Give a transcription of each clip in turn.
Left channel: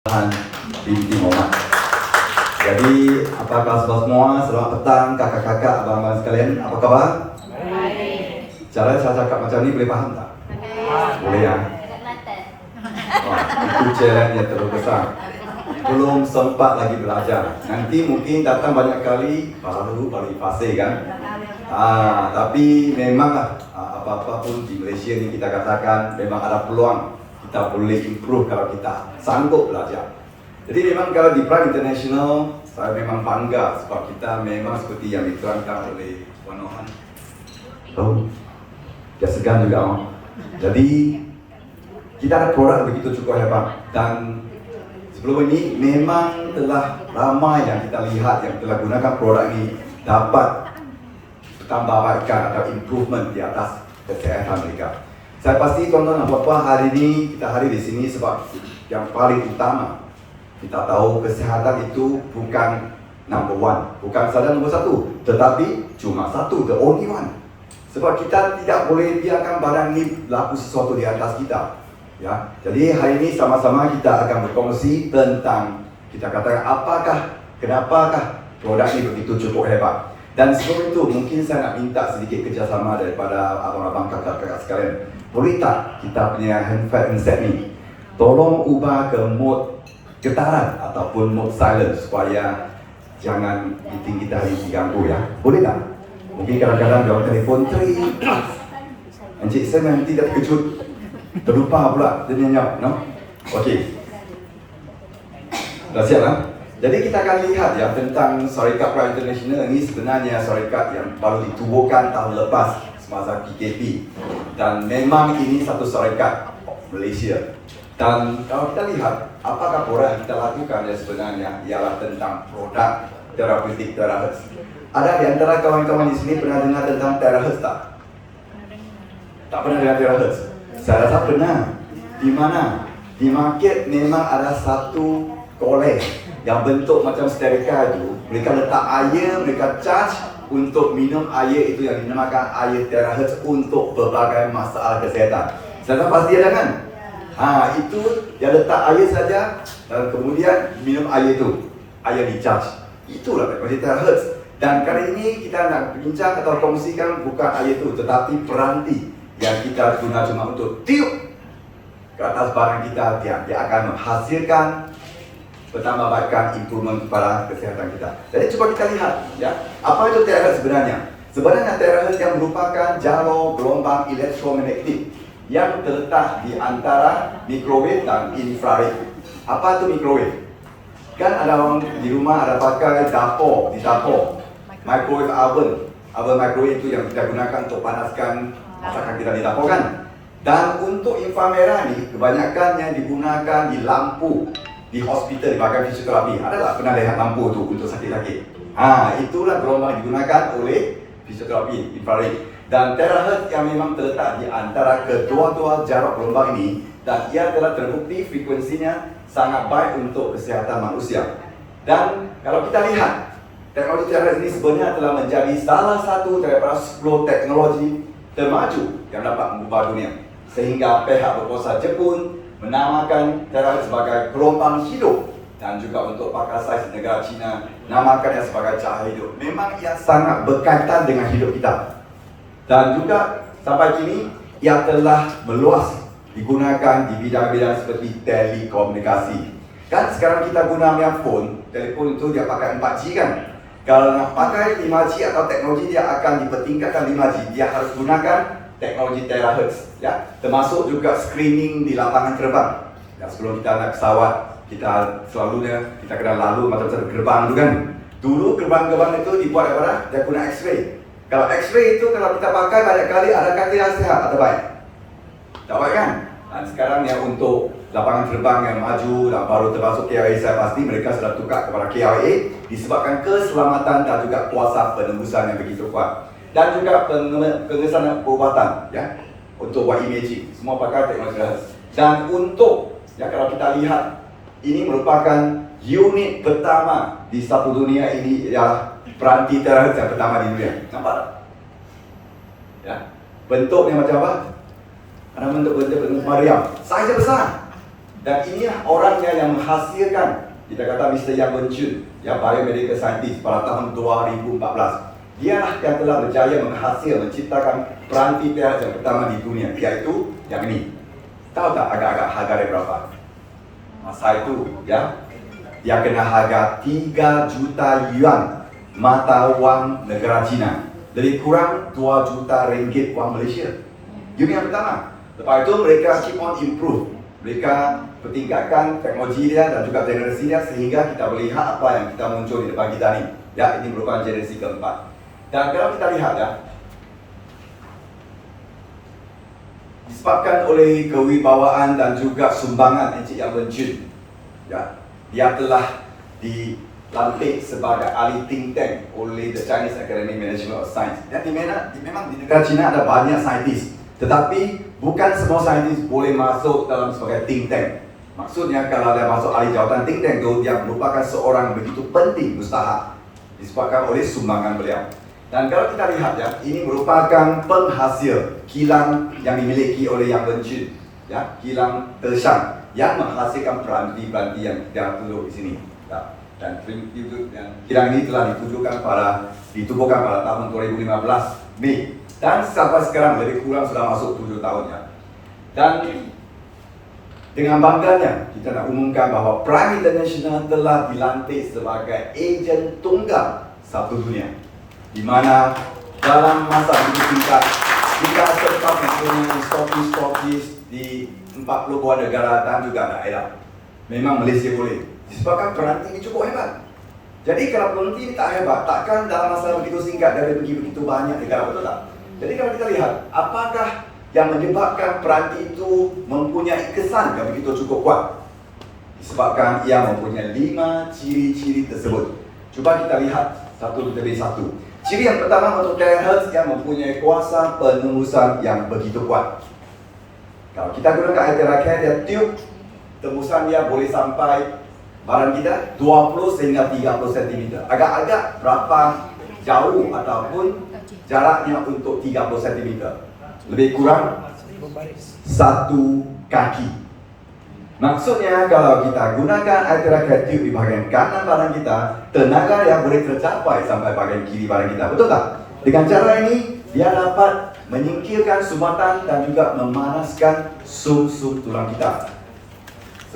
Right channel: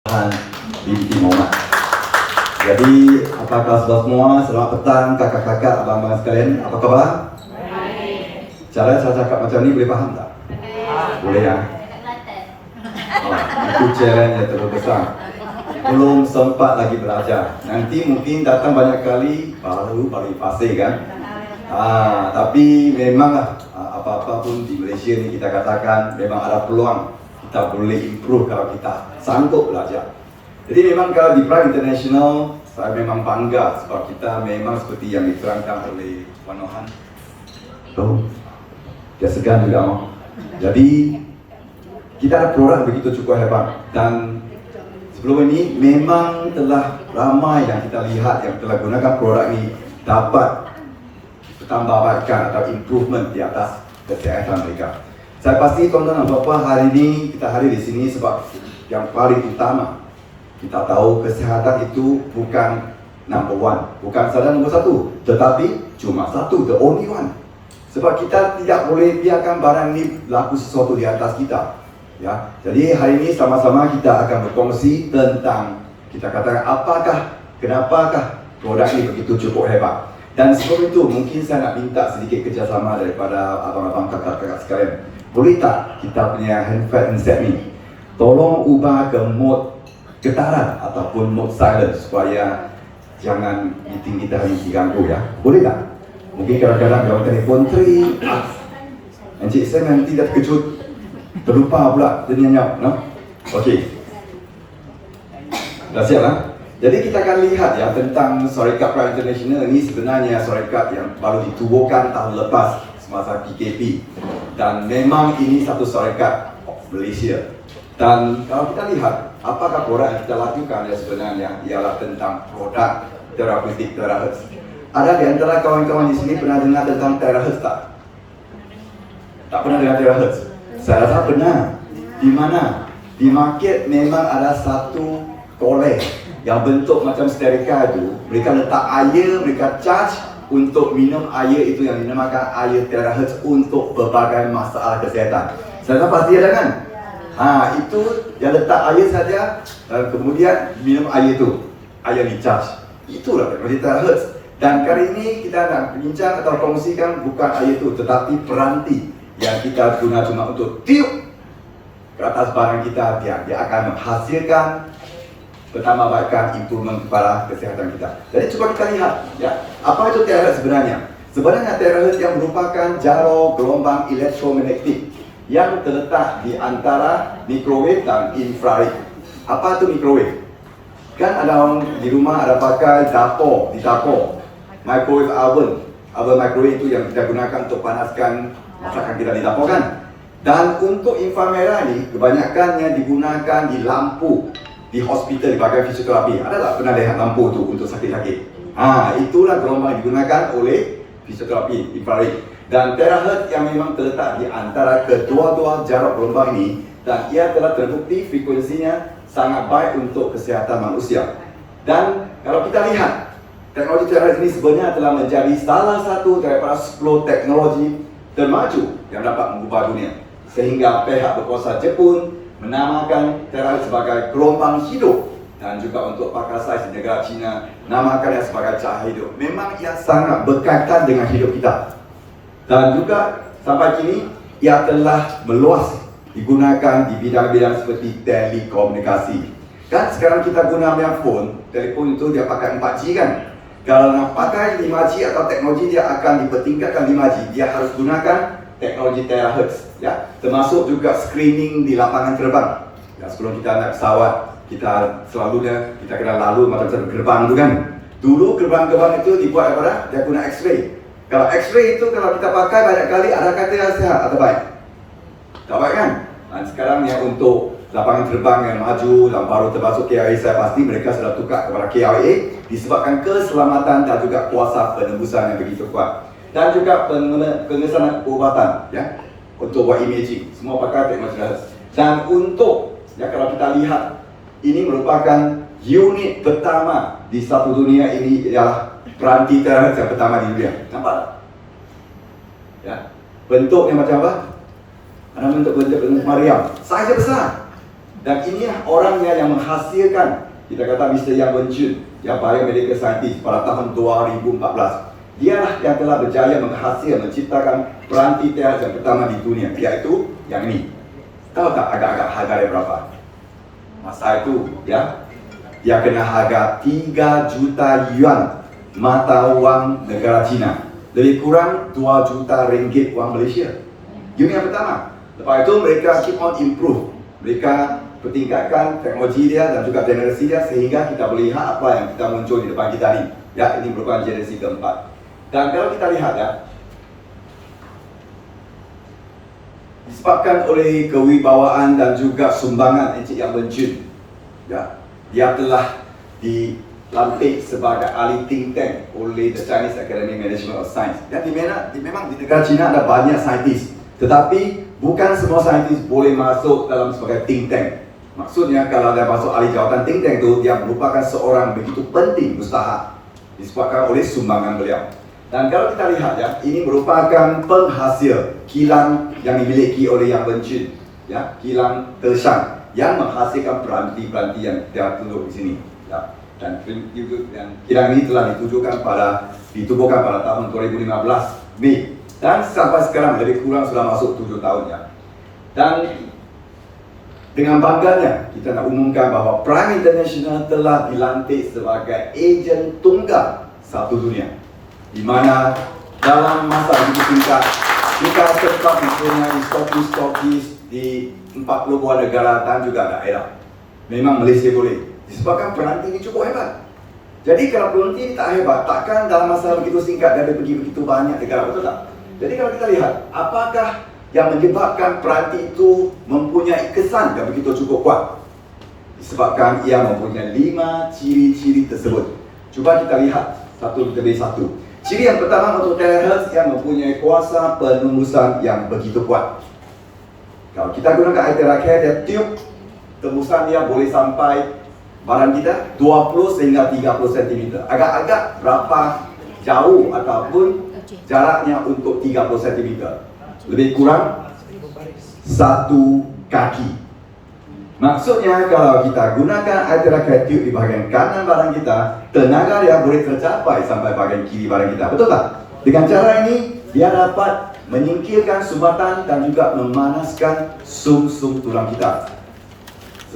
binti Muhammad. Jadi, apa khabar semua? Selamat petang kakak-kakak, abang-abang sekalian. Apa kabar? Baik. Cara saya cakap macam ni boleh faham tak? Boleh ya? Itu challenge yang terlalu besar. Belum sempat lagi belajar. Nanti mungkin datang banyak kali baru balik fase kan? Tapi memanglah apa-apa pun di Malaysia ni kita katakan memang ada peluang kita boleh improve kalau kita sanggup belajar. Jadi memang kalau di Prime International saya memang bangga sebab kita memang seperti yang diterangkan oleh Wan Nohan. Dia segan juga. Jadi kita ada produk begitu cukup hebat dan sebelum ini memang telah ramai yang kita lihat yang telah gunakan produk ini dapat bertambahkan atau improvement di atas kesihatan mereka. Saya pasti tuan-tuan dan puan-puan hari ini kita hadir di sini sebab yang paling utama kita tahu kesihatan itu bukan number one, bukan saja nombor satu, tetapi cuma satu, the only one. Sebab kita tidak boleh biarkan barang ini berlaku sesuatu di atas kita. Ya, jadi hari ini sama-sama kita akan berkongsi tentang kita katakan kenapakah produk ini begitu cukup hebat. Dan sebelum itu mungkin saya nak minta sedikit kerjasama daripada abang-abang kakak-kakak sekalian. Boleh tak kita punya handset ni tolong ubah ke mode getaran ataupun mode silent supaya jangan meeting kita hari diganggu ya. Boleh tak? Mungkin kadang-kadang dalam telefon teri, Encik Sam nanti dah terkejut, terlupa pula dia nyanyi, no? Okey. Dah siap kan? Jadi kita akan lihat ya tentang Syarikat Prime International ini sebenarnya syarikat yang baru ditubuhkan tahun lepas semasa PKP dan memang ini satu syarikat Malaysia. Dan kalau kita lihat apakah produk yang kita lakukan ya sebenarnya ialah tentang produk terapeutik terahertz. Ada di antara kawan-kawan di sini pernah dengar tentang terahertz tak? Tak pernah dengar terahertz? Saya rasa pernah. Di mana? Di market memang ada satu kolej yang bentuk macam sterika itu. Mereka letak air, mereka charge untuk minum air itu yang dinamakan air terahertz untuk berbagai masalah kesihatan. Saya rasa pasti ada kan? Itu yang letak air saja dan kemudian minum air itu, air di charge. Itulah teknologi terahertz. Dan kali ini kita nak bincang atau kongsikan bukan air itu tetapi peranti yang kita guna cuma untuk tiup ke atas barang kita, dia akan menghasilkan bertambahkan improvement kepada kesihatan kita. Jadi cuba kita lihat ya, apa itu terahertz sebenarnya? Sebenarnya terahertz yang merupakan jauh gelombang elektromagnetik yang terletak di antara mikrowave dan infrared. Apa itu mikrowave? Kan ada orang di rumah ada pakai dapur, di dapur microwave oven microwave itu yang kita gunakan untuk panaskan masakan kita di dapur kan. Dan untuk inframerah ini kebanyakannya digunakan di lampu di hospital, di bagian fisioterapi. Ada tak pernah lihat lampu itu untuk sakit-sakit? Itulah gelombang yang digunakan oleh fisioterapi infrared. Dan terahertz yang memang terletak di antara kedua-dua jarak gelombang ini dan ia telah terbukti frekuensinya sangat baik untuk kesihatan manusia. Dan kalau kita lihat teknologi terahertz ini sebenarnya telah menjadi salah satu daripada 10 teknologi termaju yang dapat mengubah dunia. Sehingga pihak berkuasa Jepun menamakan terahertz sebagai gelombang hidup dan juga untuk pakar sains di negara China namakannya sebagai cahaya hidup. Memang ia sangat berkaitan dengan hidup kita. Dan juga sampai kini ia telah meluas digunakan di bidang-bidang seperti telekomunikasi. Kan sekarang kita guna phone, telefon itu dia pakai 4G kan? Kalau nak pakai 5G atau teknologi dia akan dipertingkatkan 5G, dia harus gunakan teknologi terahertz ya, termasuk juga screening di lapangan terbang. Ya, sebelum kita naik pesawat, kita selalunya kita kena lalu macam gerbang itu kan. Dulu gerbang-gerbang itu dibuat daripada dia guna X-ray. Kalau X-ray itu kalau kita pakai banyak kali ada kata yang sihat atau baik? Tak baik kan? Dan sekarang yang untuk lapangan terbang yang maju dan baru termasuk KLA, saya pasti mereka sudah tukar kepada KLA disebabkan keselamatan dan juga kuasa penembusan yang begitu kuat. Dan juga pengesanan perubatan ya, untuk buat imaging semua pakai teknologi terahertz. Dan untuk ya kalau kita lihat ini merupakan unit pertama di satu dunia ini ialah peranti terahertz yang pertama di dunia. Nampak tak? Ya, bentuknya macam apa? Ada bentuk Mariam, saiznya besar. Dan inilah orangnya yang menghasilkan, kita kata Mr. Yang Wenjun, yang biomedical scientist pada tahun 2014. Dialah yang telah berjaya menciptakan peranti PH yang pertama di dunia, yaitu yang ini. Tahu tak agak-agak harga dia berapa? Masa itu, ya, dia kena harga 3 juta yuan mata wang negara China. Lebih kurang 2 juta ringgit wang Malaysia. Unit yang pertama. Lepas itu mereka keep on improve. Mereka pertingkatkan teknologi dia dan juga generasi dia sehingga kita boleh lihat apa yang kita muncul di depan kita ni. Ya, ini merupakan generasi keempat. Dan kalau kita lihat ya, disebabkan oleh kewibawaan dan juga sumbangan Encik Yang Wenjun, ya, dia telah dilantik sebagai ahli think tank oleh the Chinese Academy Management of Science. Ya, memang di negara China ada banyak saintis, tetapi bukan semua saintis boleh masuk dalam sebagai think tank. Maksudnya kalau dia masuk ahli jawatan think tank itu, dia merupakan seorang begitu penting, mustahak, disebabkan oleh sumbangan beliau. Dan kalau kita lihat ya, ini merupakan penghasil kilang yang dimiliki oleh Yang Wenjun, ya, kilang Teshang yang menghasilkan peranti-peranti yang kita tunjuk di sini. Ya. Dan kilang ini telah ditubuhkan pada tahun 2015 Mei, dan sampai sekarang lebih kurang sudah masuk 7 tahun ya. Dan dengan bangganya kita nak umumkan bahawa Prime International telah dilantik sebagai ejen tunggal satu dunia, di mana dalam masa begitu singkat kita sempat mempunyai stokis di 40 buah negara dan juga daerah. Memang Malaysia boleh, disebabkan peranti ini cukup hebat. Jadi kalau peranti ini tak hebat, takkan dalam masa begitu singkat dia pergi begitu banyak negara, betul tak? Jadi kalau kita lihat, apakah yang menyebabkan peranti itu mempunyai kesan yang begitu cukup kuat? Disebabkan ia mempunyai 5 ciri-ciri tersebut. Cuba kita lihat satu demi satu. Ciri yang pertama untuk terakhir yang mempunyai kuasa penembusan yang begitu kuat. Kalau kita gunakan air terakhir, dia tiup, tembusan dia boleh sampai barang kita 20 sehingga 30 cm. Agak-agak berapa jauh ataupun jaraknya untuk 30 cm. Lebih kurang 1 kaki. Maksudnya kalau kita gunakan air terakhir tiup di bahagian kanan barang kita, tenaga dia boleh tercapai sampai bahagian kiri barang kita, betul tak? Dengan cara ini, dia dapat menyingkirkan sumbatan dan juga memanaskan sum-sum tulang kita.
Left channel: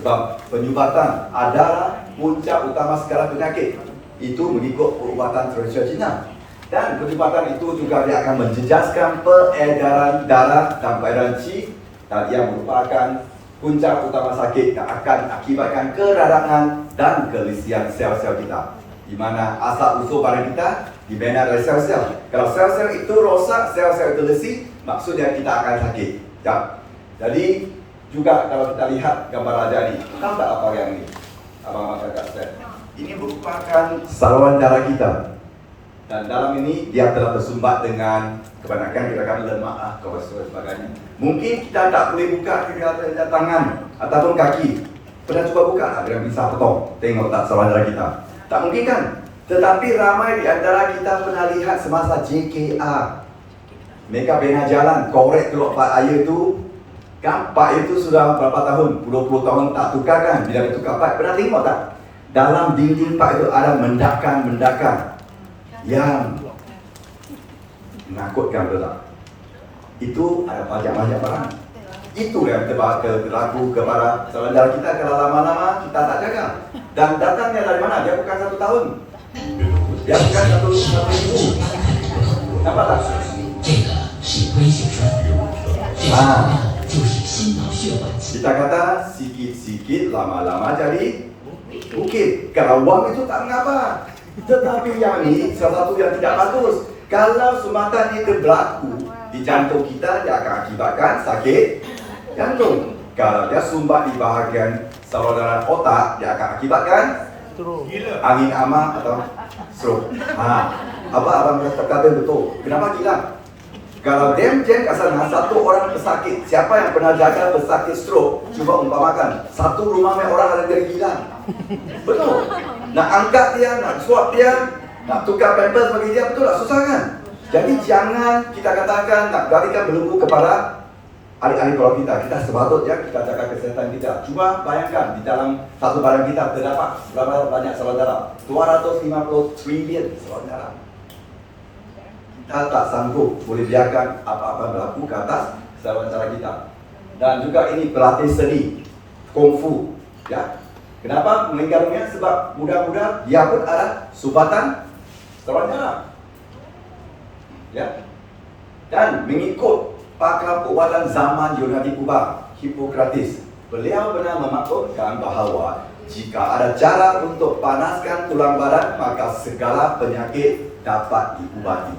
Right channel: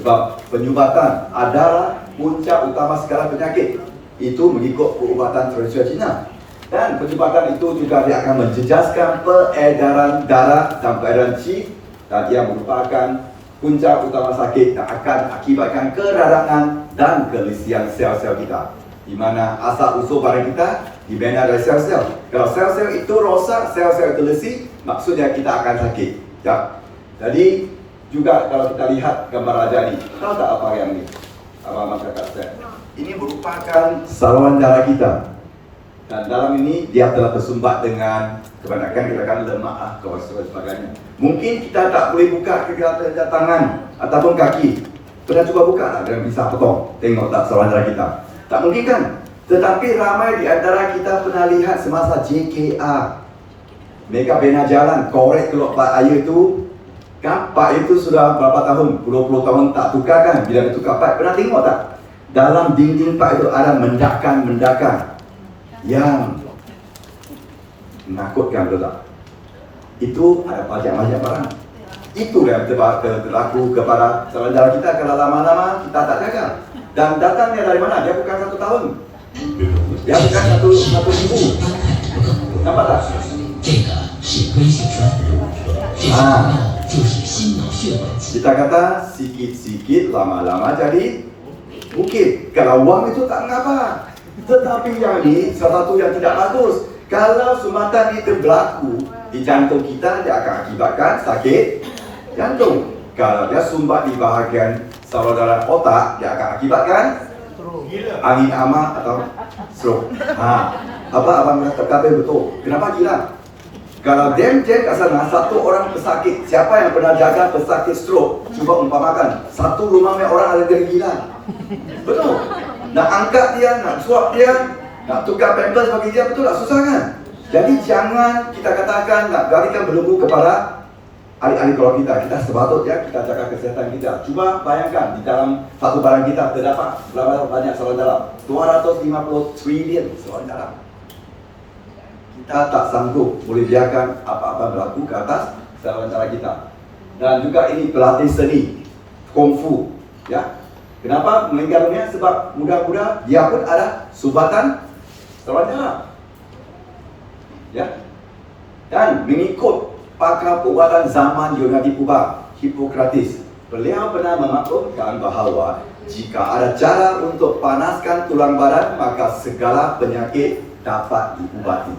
Sebab penyumbatan adalah puncak utama segala penyakit. Itu mengikut perubatan tradisional Cina. Dan penyumbatan itu juga dia akan menjejaskan peredaran darah dan peredaran qi, dan ia merupakan puncak utama sakit yang akan akibatkan keradangan dan kelisian sel-sel kita, di mana asal usul barang kita dibina dari sel-sel. Kalau sel-sel itu rosak, sel-sel itu lesi, maksudnya kita akan sakit. Ya. Jadi juga kalau kita lihat gambar raja ni, tahu tak apa yang ini? Abang masyarakat saya. Ini merupakan saluran darah kita. Dan dalam ini dia telah tersumbat dengan kebanyakan gerakan lemak, kolesterol dan sebagainya. Mungkin kita tak boleh buka kedua tangan ataupun kaki. Pernah cuba buka tak dengan pisau potong? Tengok tak saluran darah kita? Tak mungkin kan? Tetapi ramai di antara kita pernah lihat semasa JKR. Mereka bina jalan, korek keluar part air tu. Kan part itu sudah berapa tahun? Puluh-puluh tahun tak tukar kan? Bila tukar part, pernah tengok tak? Dalam dinding part itu ada mendakan yang menakutkan, betul tak? Itu ada pajak-pajak barang. Itu yang berlaku kepada saluran darah kita kalau lama-lama kita tak jaga. Dan datangnya dari mana? Dia bukan 1 tahun. Dia bukan satu ribu. Nampak tak? Kita kata sikit-sikit lama-lama jadi bukit. Kalau wang itu tak mengapa. Tetapi yang ini sesuatu yang tidak bagus. Kalau sumbatan ini berlaku di jantung kita, dia akan akibatkan sakit jantung. Kalau dia sumbat di bahagian saluran darah otak, dia akan akibatkan angin amak atau stroke. Abang kata betul. Kenapa gila? Kalau jam kat sana, satu orang pesakit, siapa yang pernah jaga pesakit stroke, cuba umpamakan, satu rumah yang orang ada jadi gila. Betul. Nak angkat dia, nak suap dia, nak tukar pampers bagi dia, betul tak? Susah kan? Jadi jangan kita katakan nak garikan belenggu kepada ahli-ahli keluarga kita sepatutnya kita jaga kesehatan kita. Cuma bayangkan di dalam satu badan kita terdapat berapa banyak saluran darah? 250 triliun saluran darah. Kita tak sanggup boleh biarkan apa-apa berlaku ke atas saluran darah kita. Dan juga ini pelatih seni kungfu, ya. Kenapa meninggal dunia? Sebab muda-muda dia pun ada sumbatan saluran darah, ya. Dan mengikut pakar perubatan zaman Yunani purba, Hippocrates, beliau pernah memaklumkan bahawa jika ada cara untuk panaskan tulang badan, maka segala penyakit dapat diubati.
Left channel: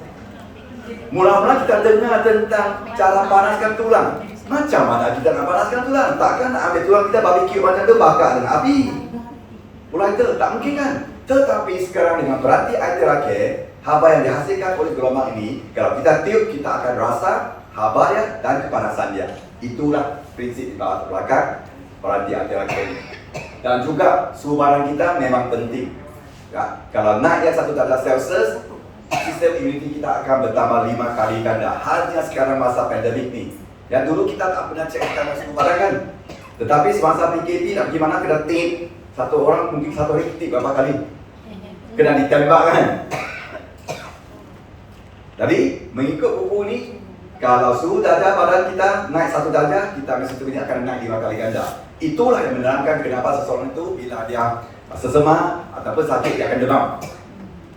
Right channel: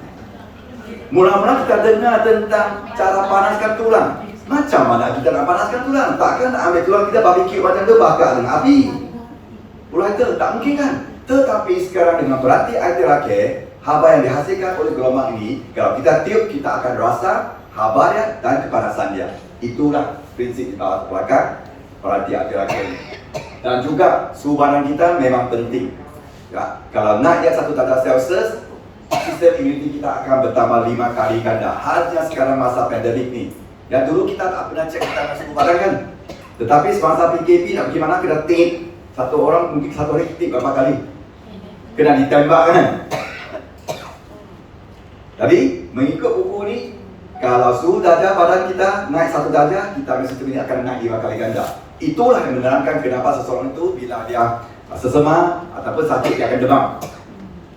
Mula-mula kita dengar tentang cara panaskan tulang. Macam mana kita nak panaskan tulang? Takkan nak ambil tulang kita barbecue macam tu bakar dengan api? Pula itu tak mungkin kan? Tetapi sekarang dengan peranti air terakhir, haba yang dihasilkan oleh gelombang ini, kalau kita tiup, kita akan rasa habanya dan kepanasan dia. Itulah prinsip di bawah belakang peranti air terakhir ini. Dan juga suhu badan kita memang penting, ya. Kalau naik 1 darjah Celsius, sistem imuniti kita akan bertambah 5 kali ganda. Hanya sekarang masa pandemik ni. Yang dulu kita tak pernah cek kita suhu badan kan. Tetapi semasa PKP nak pergi mana kena tip. Satu orang mungkin satu hari tip berapa kali. Kena ditembak kan. Jadi mengikut buku ni, kalau suhu darjah badan kita naik 1 darjah, kita mesti akan naik 5 kali ganda. Itulah yang menerangkan kenapa seseorang itu bila dia sesema ataupun sakit dia akan demam.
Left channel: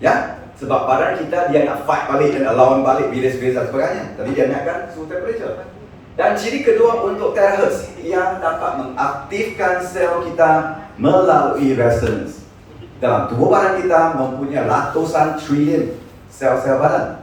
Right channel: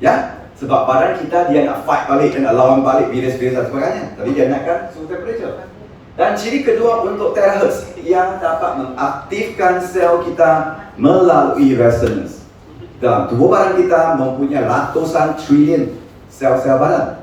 Ya, sebab badan kita dia nak fight balik, dia nak lawan balik virus-virus dan sebagainya. Jadi dia naikkan suhu temperature. Dan ciri kedua untuk terahertz yang dapat mengaktifkan sel kita melalui resonance. Dalam tubuh badan kita mempunyai ratusan triliun sel-sel badan.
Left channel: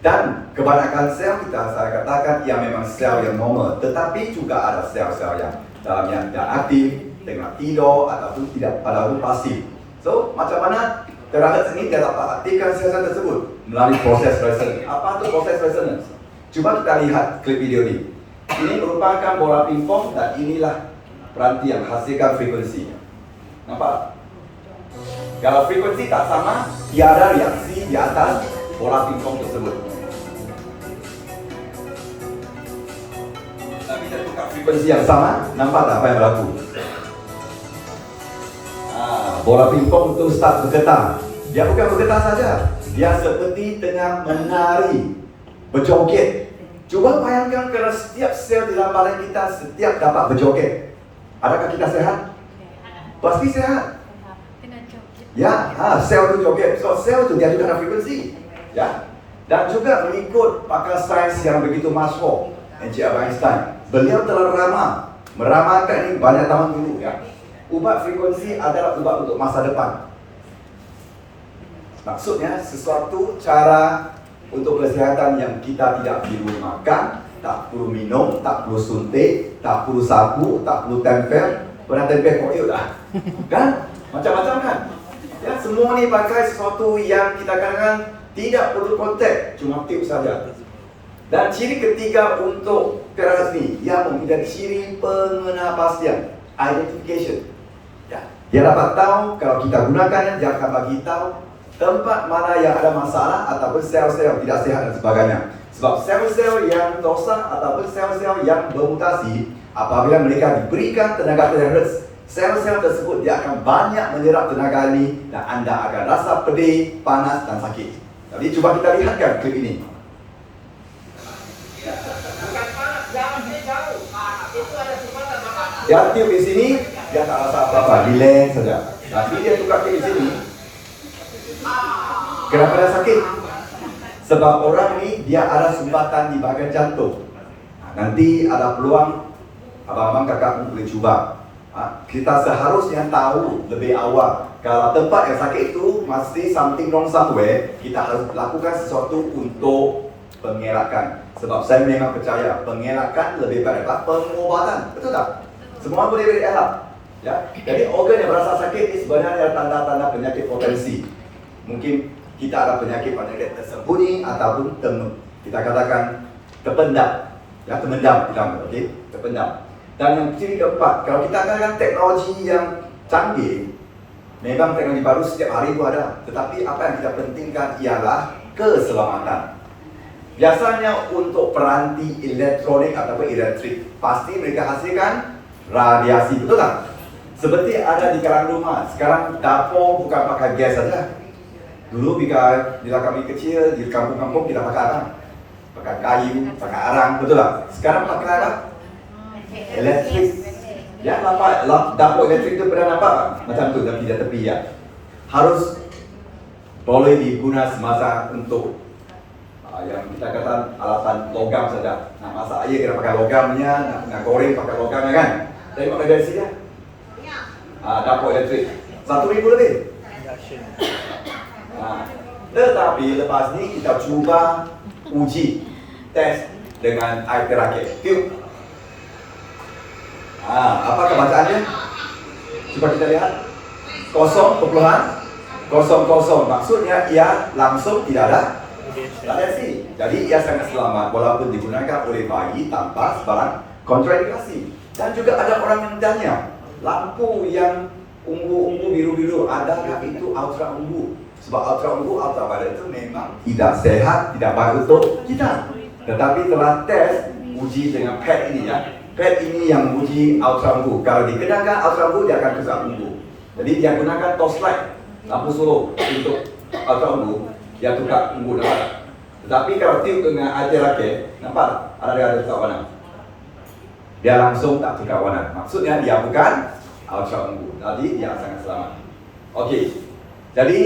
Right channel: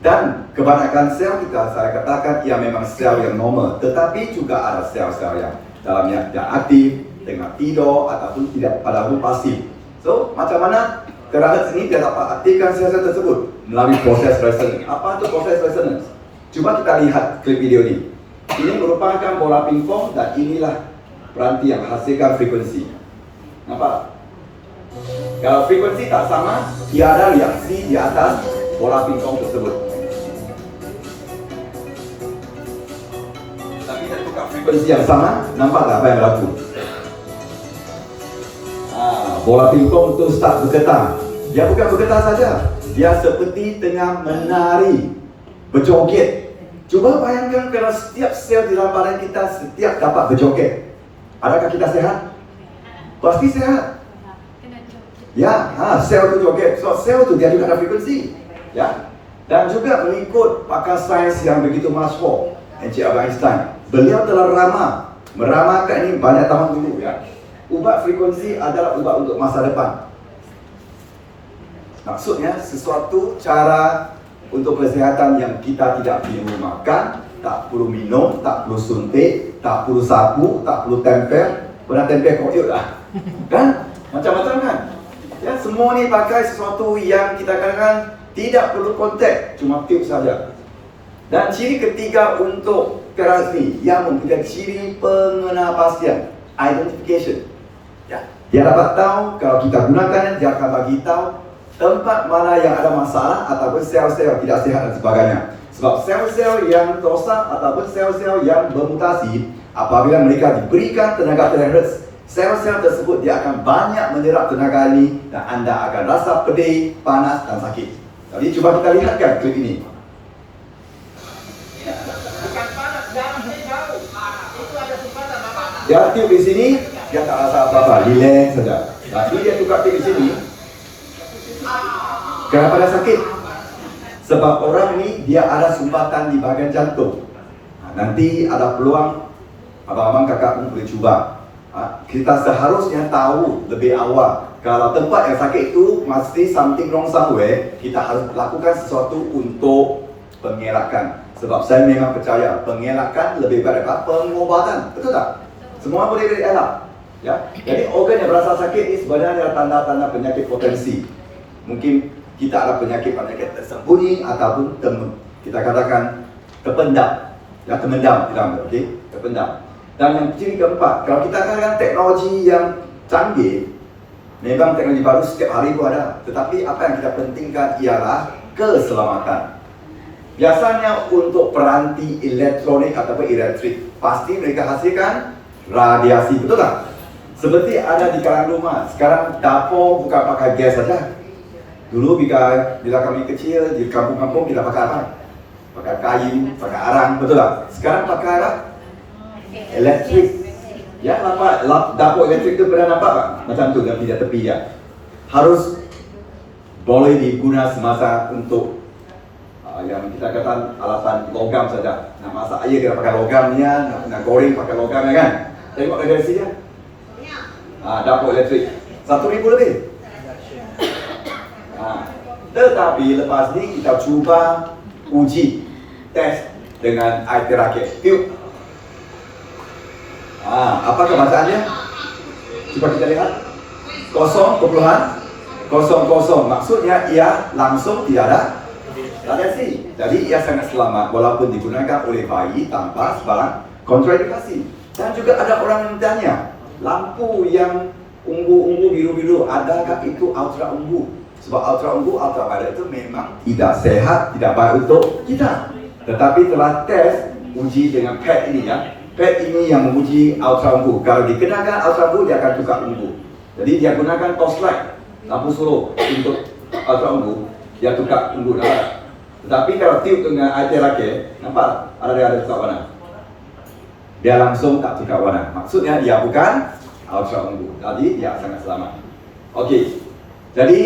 Dan kebanyakan sel kita, saya katakan, ia memang sel yang normal. Tetapi juga ada sel-sel yang dalamnya yang aktif, tengah tidur ataupun tidak ataupun pasif. So, macam mana terahertz ini dia dapat aktifkan sel-sel tersebut melalui proses resonance. Apa itu proses resonance? Cuba kita lihat klip video ini. Ini merupakan bola pingpong dan inilah peranti yang hasilkan frekuensi. Nampak? Kalau frekuensi tak sama, tiada reaksi di atas bola pingpong tersebut. Tapi kita tukar frekuensi yang sama, nampak tak apa yang berlaku? Bola pingpong itu start bergetar. Dia bukan bergetar saja, dia seperti tengah menari, berjoget. Cuba bayangkan kalau setiap sel di dalam badan kita setiap dapat berjoget. Adakah kita sehat? Pasti sehat. Ya, sel itu joget. So sel itu dia juga ada frekuensi. Ya. Dan juga mengikut pakar sains yang begitu masyhur, Albert Einstein. Beliau telah meramalkan ini banyak tahun dulu, ya. Ubat frekuensi adalah ubat untuk masa depan. Maksudnya sesuatu cara untuk kesihatan yang kita tidak perlu makan, tak perlu minum, tak perlu suntik, tak perlu sapu, tak perlu tempel. Pernah tempel koyot dah? Kan? Macam-macam kan? Ya, semua ni pakai sesuatu yang kita katakan tidak perlu kontak, cuma tiup saja. Dan ciri ketiga untuk keras ni, yang mempunyai ciri pengenapasian, identification. Ya, dia dapat tahu kalau kita gunakan, dia akan bagi tahu tempat mana yang ada masalah ataupun sel-sel tidak sehat dan sebagainya. Sebab sel-sel yang rosak ataupun sel-sel yang bermutasi, apabila mereka diberikan tenaga terahertz, sel-sel tersebut dia akan banyak menyerap tenaga ini dan anda akan rasa pedih, panas dan sakit. Jadi cuba kita lihatkan klip ini. Bukan panas, jangan jauh. Itu ada sifatan apa? Dia tiup di sini, dia tak rasa apa-apa, relax saja. Tapi dia tukar tiup di sini. Kenapa dia sakit? Sebab orang ini dia ada sumbatan di bahagian jantung. Nanti ada peluang abang-abang kakak pun boleh cuba. Kita seharusnya tahu lebih awal. Kalau tempat yang sakit itu mesti something wrong somewhere, kita harus lakukan sesuatu untuk pengelakan. Sebab saya memang percaya pengelakan lebih baik daripada pengobatan. Betul tak? Semua boleh dielak. Ya. Jadi organ yang berasa sakit ini sebenarnya tanda-tanda penyakit potensi. Mungkin kita ada penyakit tersembunyi ataupun kita katakan terpendam, ya, terpendam, okey, terpendam. Dan yang ciri keempat, kalau kita katakan teknologi yang canggih, memang teknologi baru setiap hari pun ada. Tetapi apa yang kita pentingkan ialah keselamatan. Biasanya untuk peranti elektronik ataupun elektrik, pasti mereka hasilkan radiasi, betul tak? Seperti ada di kalangan rumah. Sekarang dapur bukan pakai gas saja. Dulu bila kami kecil di kampung-kampung kita pakai apa? Pakai kayu, pakai arang, betul tak? Sekarang pakai apa? Elektrik. Ya, nampak dapur elektrik itu pernah nampak tak? Macam tu, tapi tidak tepi ya. Harus boleh digunakan semasa untuk yang kita kata alatan logam saja. Nak masak air kita pakai logamnya, nak goreng pakai logamnya kan. Tengok dari sini. Dapur elektrik 1,000 lebih. Tetapi lepas ni kita cuba uji test dengan air terakit. Yuk. Apakah bacaannya? Cuba kita lihat. 0,00. Maksudnya ia langsung tidak ada radiasi. Jadi ia sangat selamat walaupun digunakan oleh bayi tanpa sebarang kontraindikasi. Dan juga ada orang yang tanya, lampu yang ungu-ungu biru-biru, adakah itu ultra ungu? Sebab ultraviolet itu memang tidak sehat, tidak baik untuk kita. Tetapi telah tes uji dengan pad ini ya. Pad ini yang menguji ultra ungu. Kalau dikenakan ultra ungu dia akan tukar ungu. Jadi dia gunakan torchlight, lampu solo untuk ultra ungu, dia tukar ungu dah. Tetapi kalau tiup dengan air terakit, nampak tak? Ada tukar warna. Dia langsung tak tukar warna. Maksudnya dia bukan ultra ungu. Jadi dia sangat selamat. Okey. Jadi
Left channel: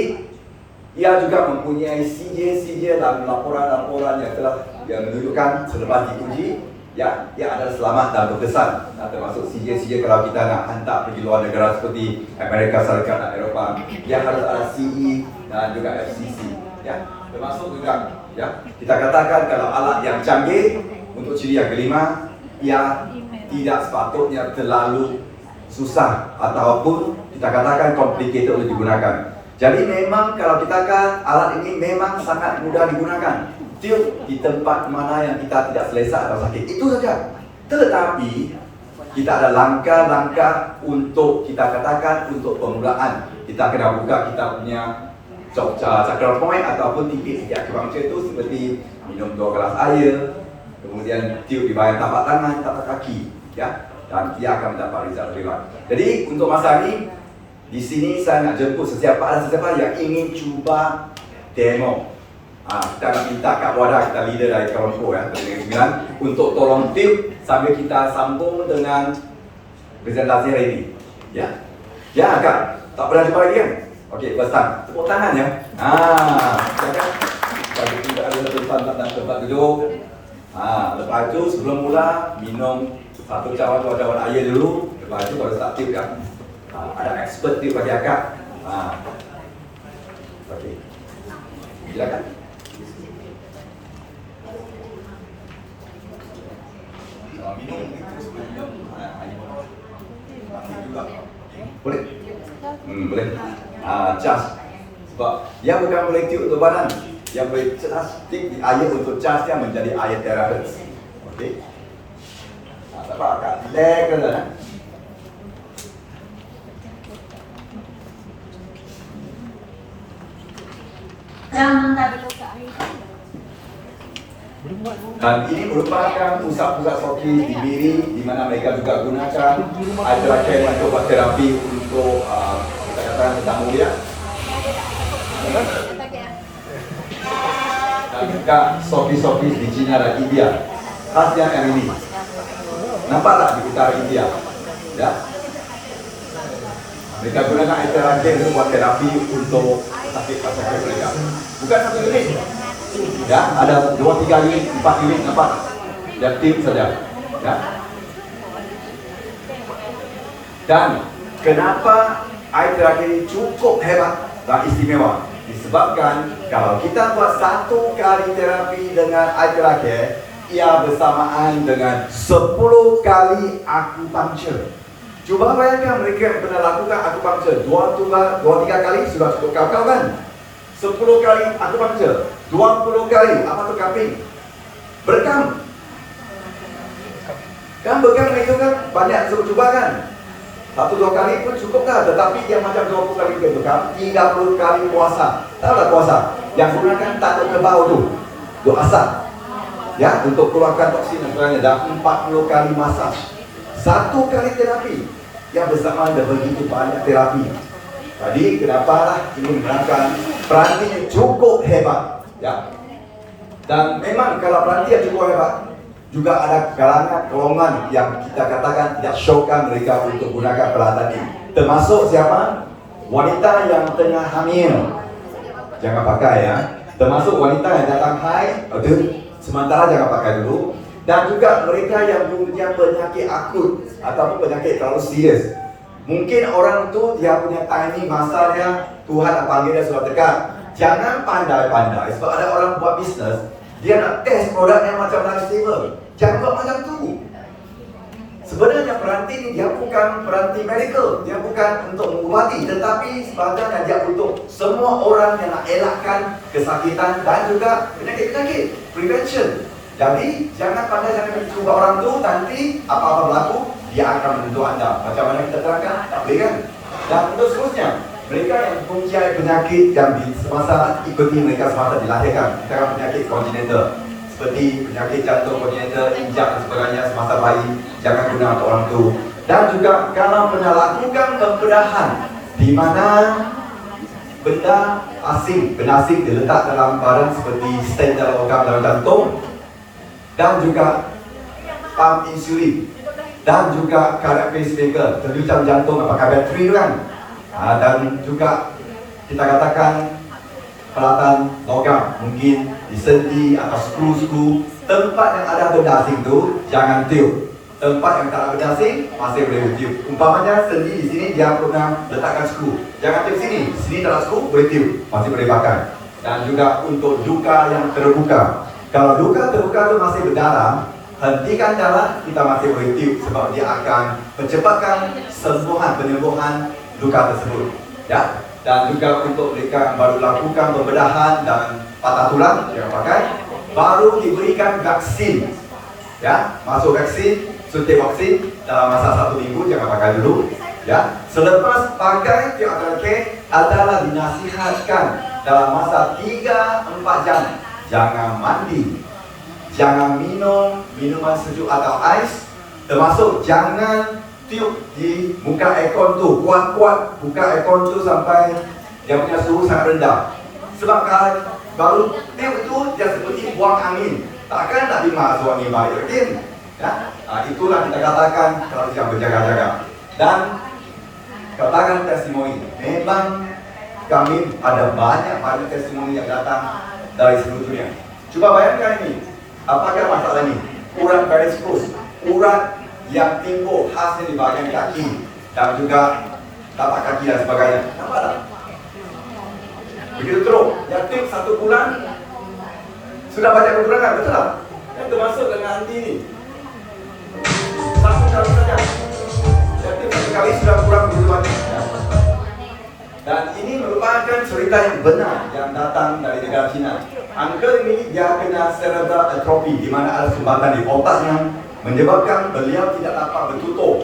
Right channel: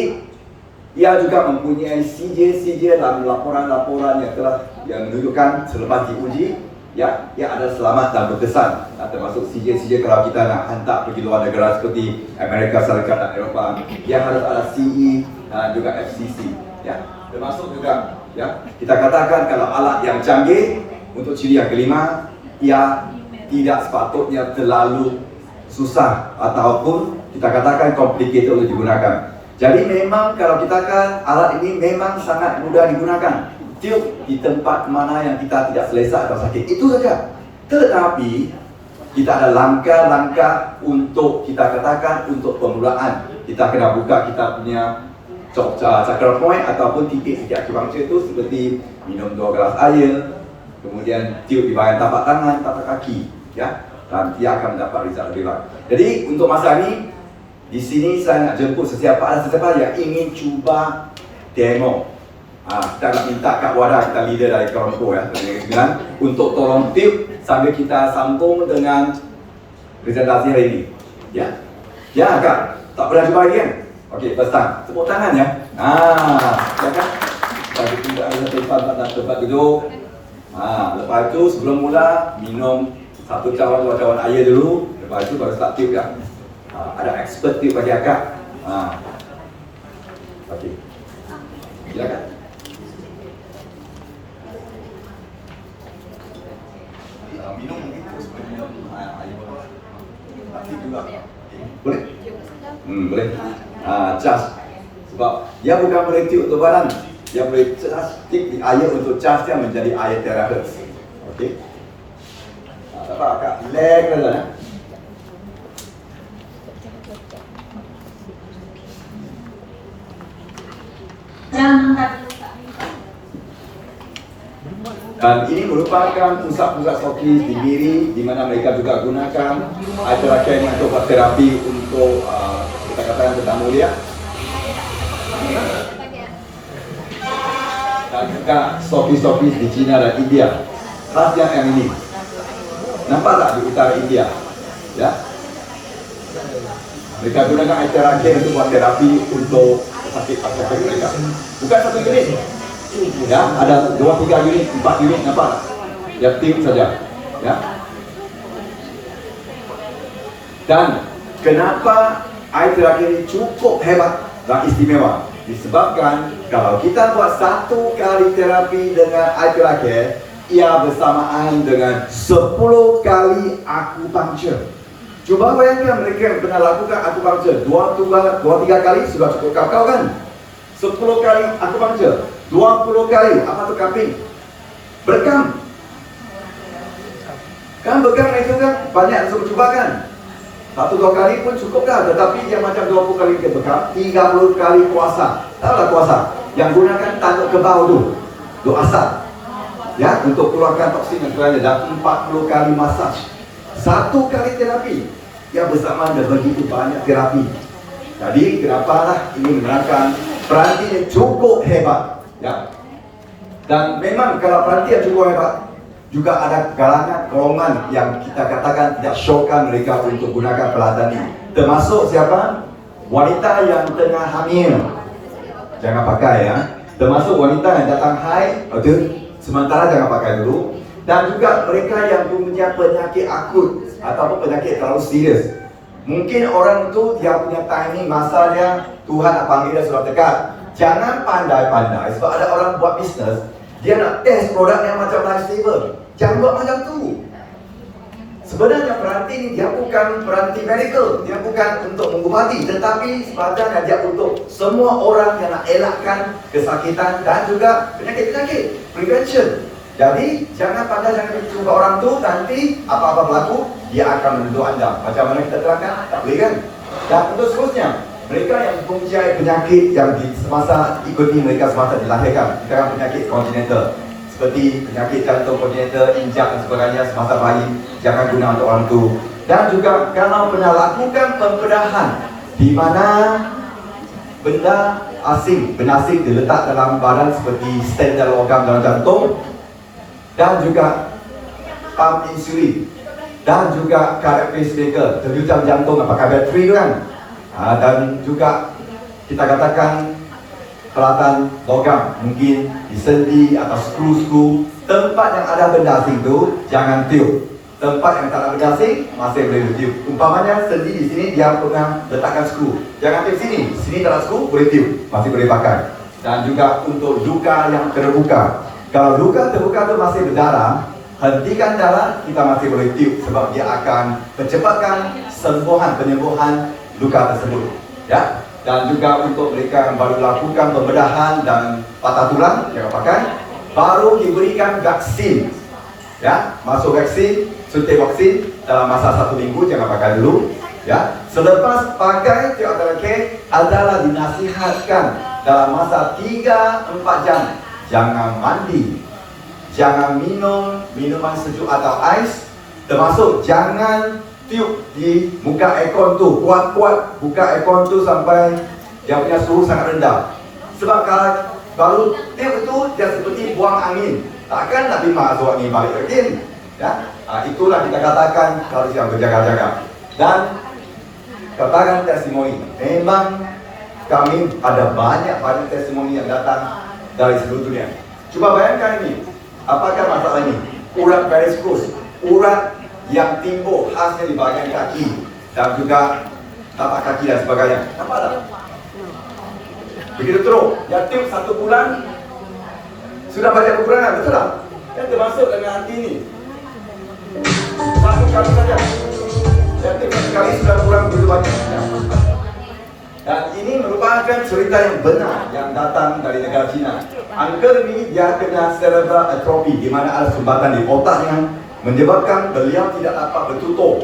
ia juga mempunyai CJ dalam laporan-laporan yang telah menunjukkan selepas diuji, ya, ia adalah selamat dan berkesan. Termasuk CJ kalau kita nak hantar pergi luar negara seperti Amerika Syarikat dan Eropah, ia harus ada CE dan juga FCC. Ya, termasuk juga, ya, kita katakan kalau alat yang canggih untuk ciri yang kelima, ia tidak sepatutnya terlalu susah ataupun kita katakan complicated untuk digunakan. Jadi memang kalau kita kan alat ini memang sangat mudah digunakan. Tiup di tempat mana yang kita tidak selesa atau sakit, itu saja. Tetapi kita ada langkah-langkah untuk kita katakan untuk permulaan. Kita kena buka kita punya chakra point ataupun titik-titik acupuncture itu seperti minum 2 gelas air, kemudian tiup di bahagian tapak tangan, tapak kaki, ya, dan ia akan mendapat result lebih baik. Jadi untuk masa ini di sini saya nak jemput sesiapa yang ingin cuba demo. Kita nak minta Kak Wada, kita leader dari kawan Pro ya, dari Negeri Sembilan, untuk tolong tiup sambil kita sambung dengan presentasi hari ini. Ya, ya Kak, tak pernah jumpa lagi kan? Okey, first time. Tepuk tangan ya. Silakan. Bagi kita ada tempat duduk. Lepas itu sebelum mula minum 1 cawan 2 cawan air dulu. Lepas itu baru start tiup kan. Ada expert tiup bagi akak. Okey. Silakan. Minum sebelum air. Tapi juga. Boleh? Boleh. Charge. Sebab dia bukan boleh tiup untuk badan. Dia boleh charge stick di air untuk charge dia menjadi air terahertz. Okey. Dapat akak relax kan? Dan ini merupakan pusat-pusat stokis di Miri, di mana mereka juga gunakan air terakhir untuk buat terapi untuk kita katakan tentang mulia. Dan juga stokis-stokis di China dan India. Khasnya yang ini. Nampak tak di utara India? Ya. Mereka gunakan air terakhir untuk buat terapi untuk sakit-sakit mereka. Bukan 1 unit. Ya, ada 2-3 unit, 4 unit, nampak tak? Dia tiup saja. Ya. Dan kenapa air terakhir ini cukup hebat dan istimewa? Disebabkan kalau kita buat 1 kali terapi dengan air terakhir, ia bersamaan dengan 10 kali akupunktur. Cuba bayangkan mereka yang pernah lakukan akupunktur 2-3 kali sudah cukup kau-kau kan? 10 kali akupunktur, 20 kali apa tu kambing? Berkam. Kan berkam itu kan banyak suruh cuba kan? 1-2 kali pun cukup dah, tetapi yang macam 20 kali ke bekam, 30 kali puasa. Tahulah puasa? Yang gunakan tanduk kebau tu asap. ya, untuk keluarkan toksin dan sebagainya, dan 40 kali masaj, 1 kali terapi yang bersamaan dan begitu banyak terapi. Jadi kenapalah ini menggunakan peranti yang cukup hebat, ya. Dan memang kalau peranti yang cukup hebat, juga ada golongan yang kita katakan tidak syokkan mereka untuk gunakan peralatan ini. Termasuk siapa? Wanita yang tengah hamil, jangan pakai ya. Termasuk wanita yang datang haid, sementara jangan pakai dulu. Dan juga mereka yang punya penyakit akut ataupun penyakit terlalu serius. Mungkin orang itu dia punya timing masa dia, Tuhan nak panggil dia sudah dekat. Jangan pandai-pandai, sebab ada orang buat bisnes, dia nak test produk yang macam lifesaver. Jangan buat macam tu. Sebenarnya peranti ini dia bukan peranti medical, dia bukan untuk mengubati, tetapi sebenarnya dia untuk semua orang yang nak elakkan kesakitan dan juga penyakit-penyakit, prevention. Jadi jangan pandai, jangan cuba orang tu, nanti apa-apa berlaku dia akan menuduh anda. Macam mana kita terangkan? Tak boleh kan? Dan untuk seterusnya, mereka yang mempunyai penyakit yang di semasa ikuti mereka semasa dilahirkan, sekarang penyakit congenital seperti penyakit jantung congenital, injak dan sebagainya semasa bayi, jangan guna untuk orang tu. Dan juga kalau pernah lakukan pembedahan di mana benda asing diletak dalam badan seperti stent dalam organ dalam jantung, dan juga pump insulin, dan juga cardiac pacemaker, terjutam jantung pakai bateri kan. Dan juga kita katakan peralatan logam, mungkin di sendi atau skru-skru. Tempat yang ada benda asing tu jangan tiup. Tempat yang tak ada benda asing masih boleh tiup. Umpamanya sendi di sini dia pernah letakkan skru, jangan tiup sini. Sini tak ada skru, boleh tiup, masih boleh pakai. Dan juga untuk luka yang terbuka, kalau luka terbuka itu masih berdarah, hentikan darah, kita masih boleh tiup sebab dia akan mencepatkan penyembuhan luka tersebut, ya. Dan juga untuk mereka yang baru lakukan pembedahan dan patah tulang, jangan pakai. Baru diberikan vaksin, ya, masuk vaksin, suntik vaksin dalam masa 1 minggu, jangan pakai dulu, ya. Selepas pakai teoterake adalah dinasihatkan dalam masa 3-4 jam jangan mandi, jangan minum minuman sejuk atau ais, termasuk jangan tiup di muka aircon tu, kuat-kuat buka aircon tu sampai dia punya suhu sangat rendah. Sebab kalau baru tiup itu dia seperti buang angin, takkan nak terima suhu angin balik lagi, ya. Itulah kita katakan kalau yang berjaga-jaga. Dan katakan testimoni, memang kami ada banyak testimoni yang datang dari seluruh dunia. Cuba bayangkan ini, apakah masalah ini? Urat variskus, urat yang timbul khasnya di bahagian kaki dan juga tapak kaki dan sebagainya. Nampak tak? Begitu teruk, yang tiup 1 bulan sudah banyak kekurangan, betul tak? Yang termasuk dengan anti ini 1 kali saja, yang tiup 1 kali sudah kurang begitu banyak, ya. Dan ini merupakan cerita yang benar yang datang dari negara China. Uncle ini dia kena cerebral atrophy, di mana ada sumbatan di otaknya menyebabkan beliau tidak dapat bertutur,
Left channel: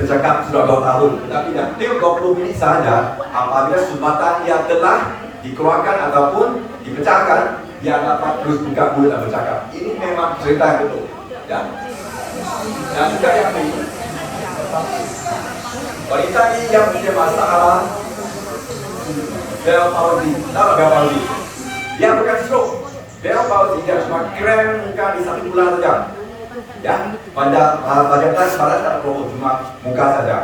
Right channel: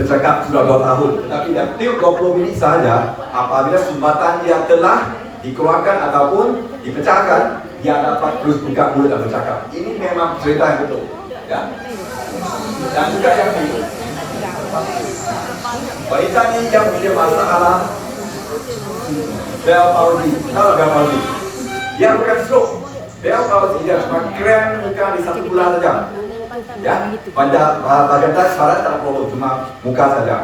bercakap sudah 2 tahun. Tetapi yang tiup 20 minit saja, apabila sumbatan yang telah dikeluarkan ataupun dipecahkan, dia dapat terus buka mulut dan bercakap. Ini memang cerita yang betul, ya. Dan juga yang ini, wanita ini yang punya masalah Bell palsy. Tahu Bell palsy? Dia bukan stroke. Bell palsy dia cuma krem muka di 1 bulan saja, ya. Pada tas pada tak problem, cuma muka saja.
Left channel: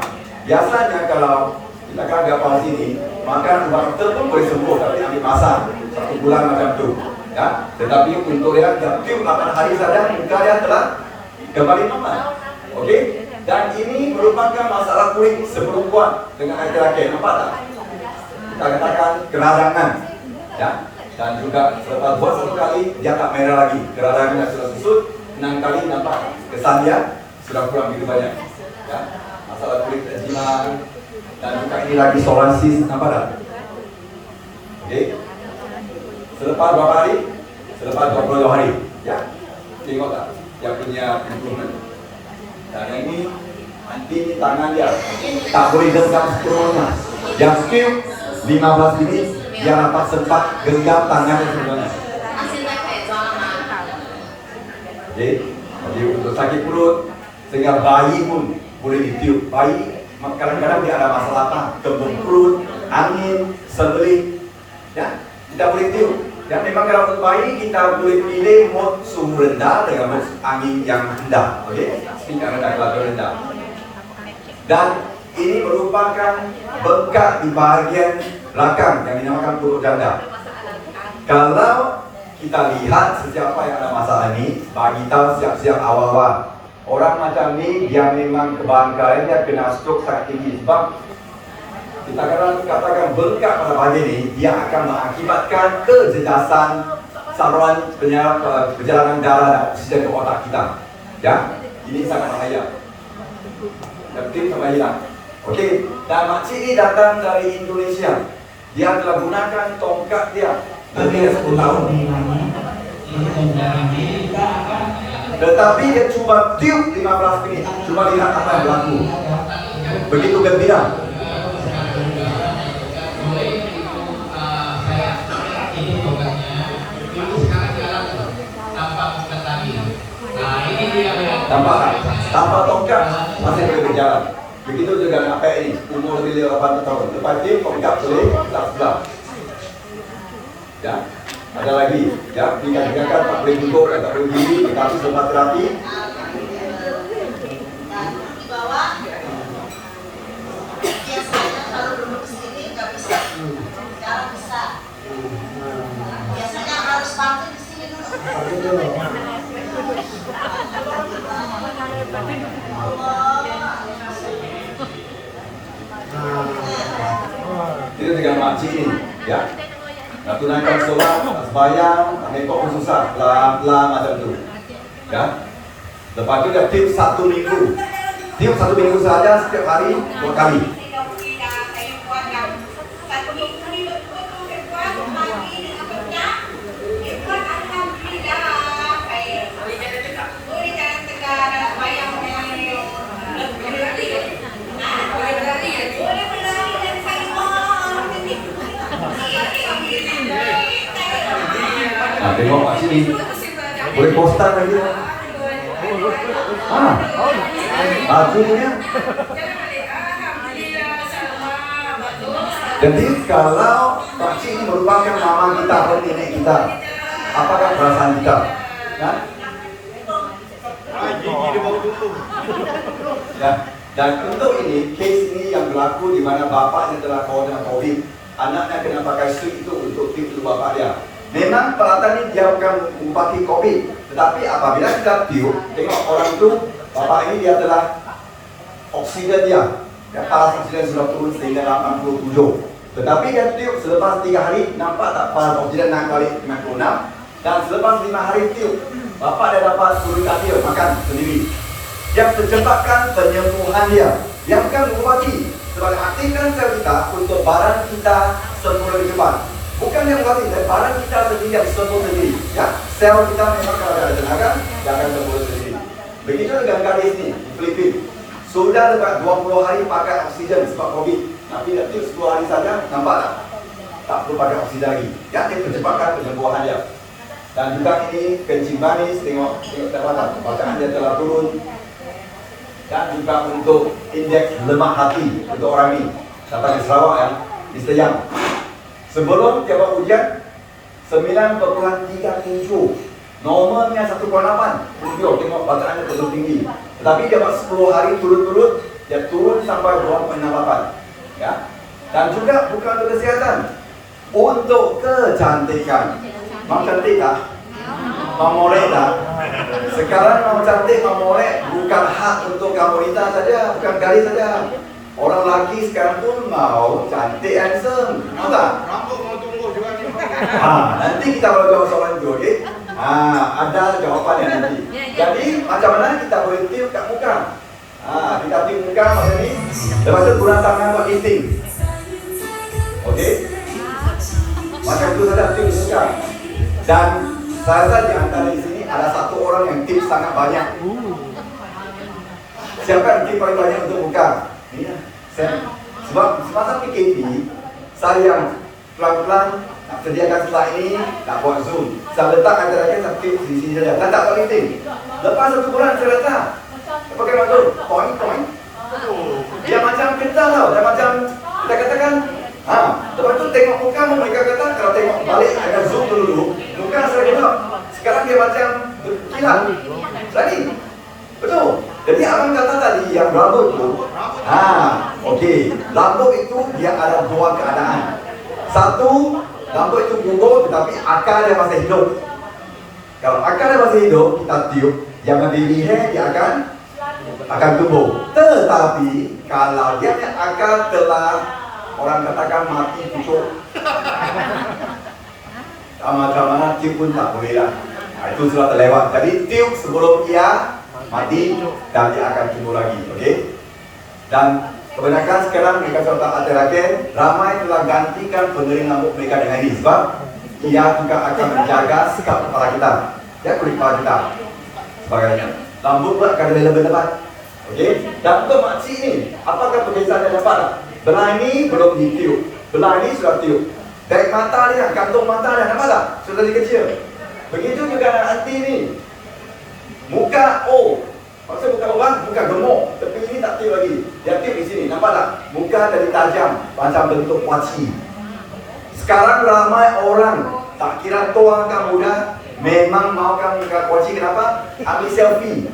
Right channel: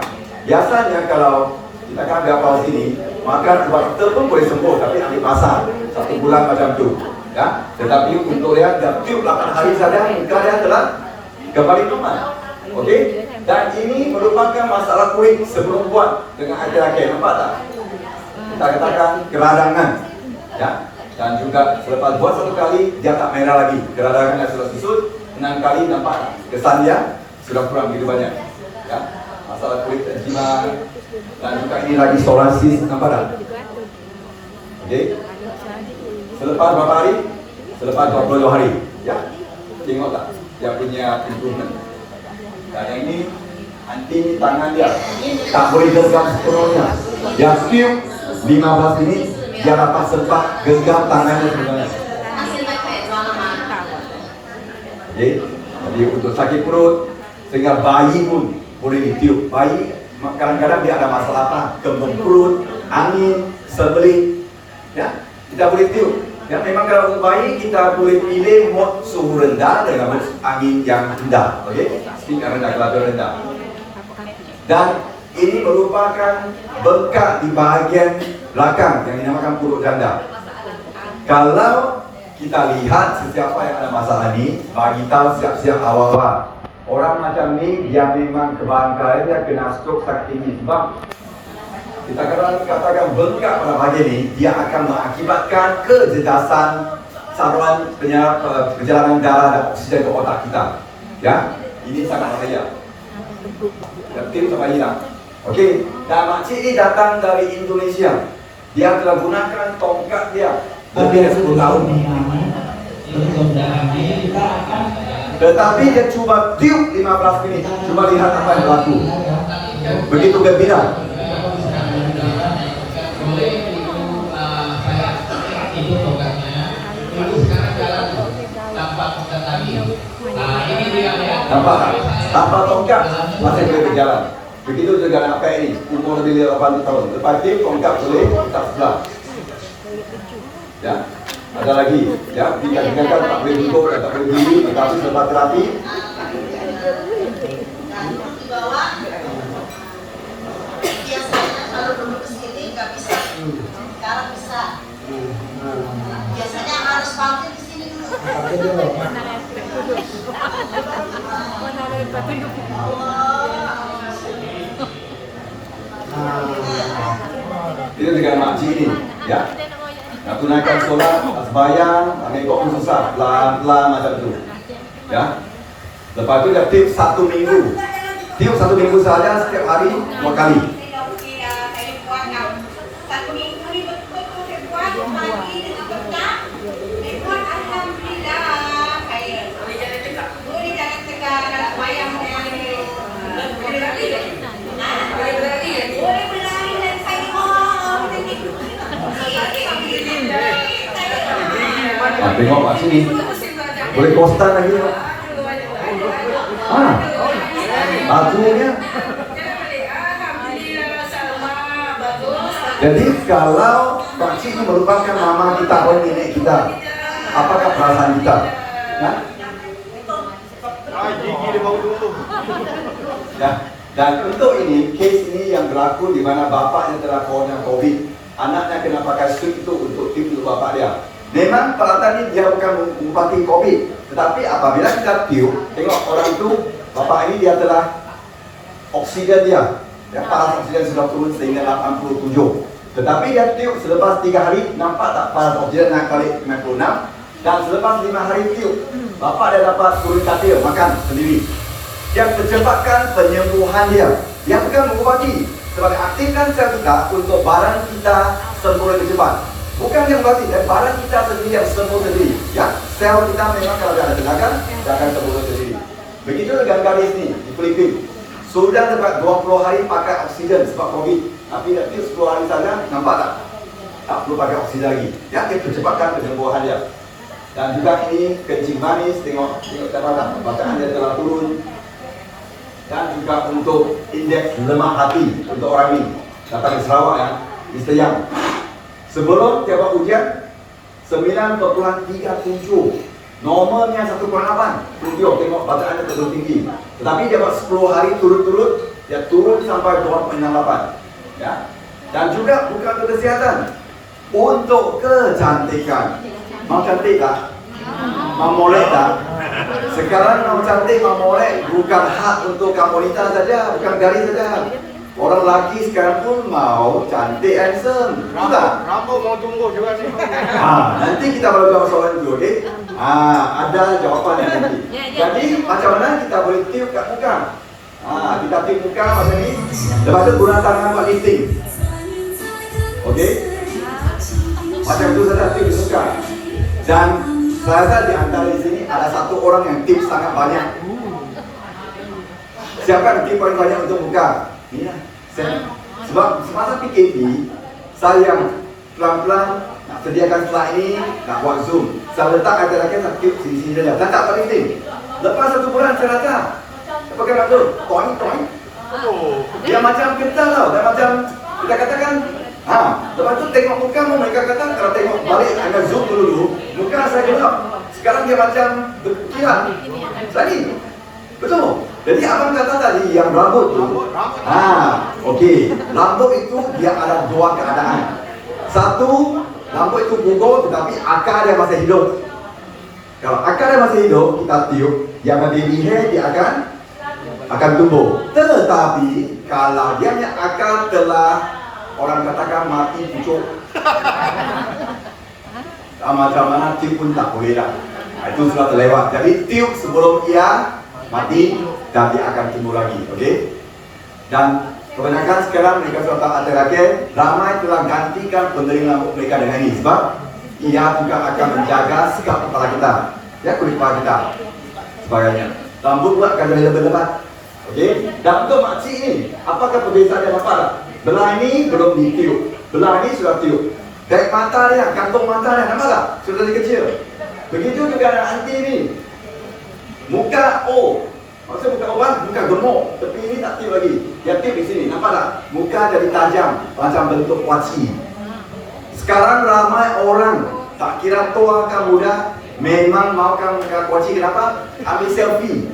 Biasanya kalau kita kan Bell palsy ini, maka dokter pun boleh sembuh, tapi ambil pasang 1 bulan macam tu, ya. Tetapi untuk dia tiup 8 hari saja, muka dia telah kembali normal. Okey. Dan ini merupakan masalah kulit seperempuan dengan laki-laki. Nampak tak? Kita katakan keradangan, ya. Dan juga selepas buat 1 kali dia tak merah lagi, keradangannya sudah susut. 6 kali nampak kesan dia sudah kurang begitu banyak, ya. Masalah kulit eczema dan juga ini lagi psoriasis, nampak tak? Okey. Selepas berapa hari? Selepas 22 hari, ya. Tengok tak? Dia punya improvement. Dan yang ini anti ini tangan dia tak boleh genggam sepenuhnya. Yang tiup 15 minit dia dapat sempat genggam tangannya sebenarnya. Okey. Jadi untuk sakit perut, sehingga bayi pun boleh ditiup. Bayi kadang-kadang dia ada masalah apa? Kembung perut, angin, sembelit. Ya, kita boleh tiup. Ya, memang kalau untuk bayi kita boleh pilih mode suhu rendah dengan mode angin yang rendah. Okey, speed yang rendah, temperatur rendah. Dan ini merupakan bengkak di bahagian belakang yang dinamakan perut ganda. Kalau kita lihat sesiapa yang ada masalah ini, bagi tahu siap-siap awal-awal. Orang macam ni dia memang kebanyakan dia kena stroke sangat tinggi sebab kita katakan bengkak pada bahagian ini, dia akan mengakibatkan kejejasan saluran perjalanan darah dan oksigen ke otak kita. Ya, ini sangat bahaya. Penting sama hilang. Okey, dan makcik ini datang dari Indonesia. Dia telah gunakan tongkat dia lebih dari 10 tahun. Tetapi dia cuba tiup 15 minit. Cuba lihat apa yang berlaku. Begitu gembira. Nampak tak? Tanpa tongkat masih boleh berjalan. Begitu juga anak PE ni, umur lebih dari 80 tahun. Lepas ni tongkat boleh tak sebelah. Ya, ada lagi. Ya, dikatakan tak boleh duduk dan tak boleh berdiri, tetapi selepas terapi di bawah. Biasanya kalau duduk sini nggak bisa. Sekarang bisa. Biasanya harus pakai di sini dulu. kita dengan makcik ni, ya. Nak tunaikan solat, nak sembahyang, ambil kopi susah, pelan-pelan macam tu. Ya. Lepas tu dia tiup 1 minggu. Tiup 1 minggu saja setiap hari 2 kali. Tengok kat sini. Boleh kostan lagi. Akhirnya. Jadi kalau pakcik ini merupakan mama kita atau nenek kita, apakah perasaan kita? Ya? Gigi dia bau dulu. Ya. Dan untuk ini, kes ini yang berlaku di mana bapaknya telah kena COVID, anaknya kena pakai suit itu untuk tiup bapak dia. Memang peralatan ini dia bukan mengubati COVID, tetapi apabila kita tiup, tengok orang itu, bapak ini dia telah oksigen dia, ya, paras oksigen sudah turun sehingga 87. Tetapi dia tiup selepas 3 hari, nampak tak paras oksigen naik balik 96. Dan selepas 5 hari tiup, bapak dia dapat turun katil, makan sendiri. Yang percepatkan penyembuhan dia. Yang bukan mengubati, sebagai aktifkan sel kita untuk barang kita sembuh lebih cepat. Bukan yang mengubati, dan barang kita sendiri yang sembuh sendiri. Ya, sel kita memang kalau ada tenaga, dia akan sembuh sendiri. Begitu dengan gadis ni di Filipina. Sudah sebab 20 hari pakai oksigen sebab COVID. Tapi dia tiup 10 hari saja, nampak tak? Tak perlu pakai oksigen lagi. Ya, dia percepatkan penyembuhan dia. Dan juga ini kencing manis, tengok bacaan dia telah turun. Dan juga untuk indeks lemak hati untuk orang ini. Datang ke Sarawak ya, Mr. Yang. Sebelum dia buat ujian 9.37. Normalnya 1.8. Tengok bacaannya terlalu tinggi. Tetapi dia buat 10 hari turut-turut, dia turun sampai 2.68. Ya. Dan juga bukan untuk kesihatan, untuk kecantikan. Mau cantik tak? Mau molek tak? Sekarang mau cantik, mau molek bukan hak untuk kamu wanita saja, bukan gadis saja. Orang lelaki sekarang pun mau cantik, handsome. Rambut mau tumbuh juga ni. Nanti kita kalau jawab soalan itu, okay? Ada jawapannya nanti. Jadi macam mana kita boleh tiup kat muka? Kita tiup muka macam ni. Lepas tu guna tangan buat lifting. Okey? Macam tu saja tiup muka. Dan saya rasa di antara di sini ada satu orang yang tiup sangat banyak. Siapa yang tiup paling banyak untuk muka? Ini saya. Sebab semasa PKP, saya yang pelan-pelan nak sediakan slide ini, nak buat zoom. Saya letak antara kita tiup sini-sini saja. Dan tak buat lifting. Lepas 1 bulan saya rasa, pakai maksud, toing. Dia macam kita tau, dia macam kita katakan, lepas tu tengok muka mereka kata, kalau tengok balik agak zoom dulu, muka saya gelap. Sekarang dia macam berkilat. Lagi, betul. Jadi abang kata tadi yang rambut tu, okey, rambut itu dia ada 2 keadaan. Satu, rambut itu gugur tetapi akar dia masih hidup. Kalau akar dia masih hidup, kita tiup, yang baby hair dia akan tumbuh. Tetapi kalau dia punya akar telah orang katakan mati pucuk, macam mana tiup pun tak boleh dah. Itu sudah terlewat. Jadi tiup sebelum ia mati dan dia akan tumbuh lagi. Okey. Dan kebanyakan sekarang mereka sudah terakhir ramai telah gantikan pendering rambut mereka dengan ini sebab ia juga akan menjaga sikap kepala kita, ya, kulit kepala kita, sebagainya. Rambut pun akan lebih lebat. Okey. Dan untuk makcik ni, apakah perbezaan yang dapat tak? Belah ini belum ditiup, belah ini sudah tiup. Dari mata dia, kantung mata dia, nampak tak? Sudah jadi kecil. Begitu juga dengan anti ni. Muka O, maksud muka orang, muka gemuk, tapi ini tak tiup lagi. Dia tiup di sini, nampak tak? Muka jadi tajam, macam bentuk kuaci. Sekarang ramai orang, tak kira tua ke muda, memang maukan muka kuaci. Kenapa? Ambil selfie.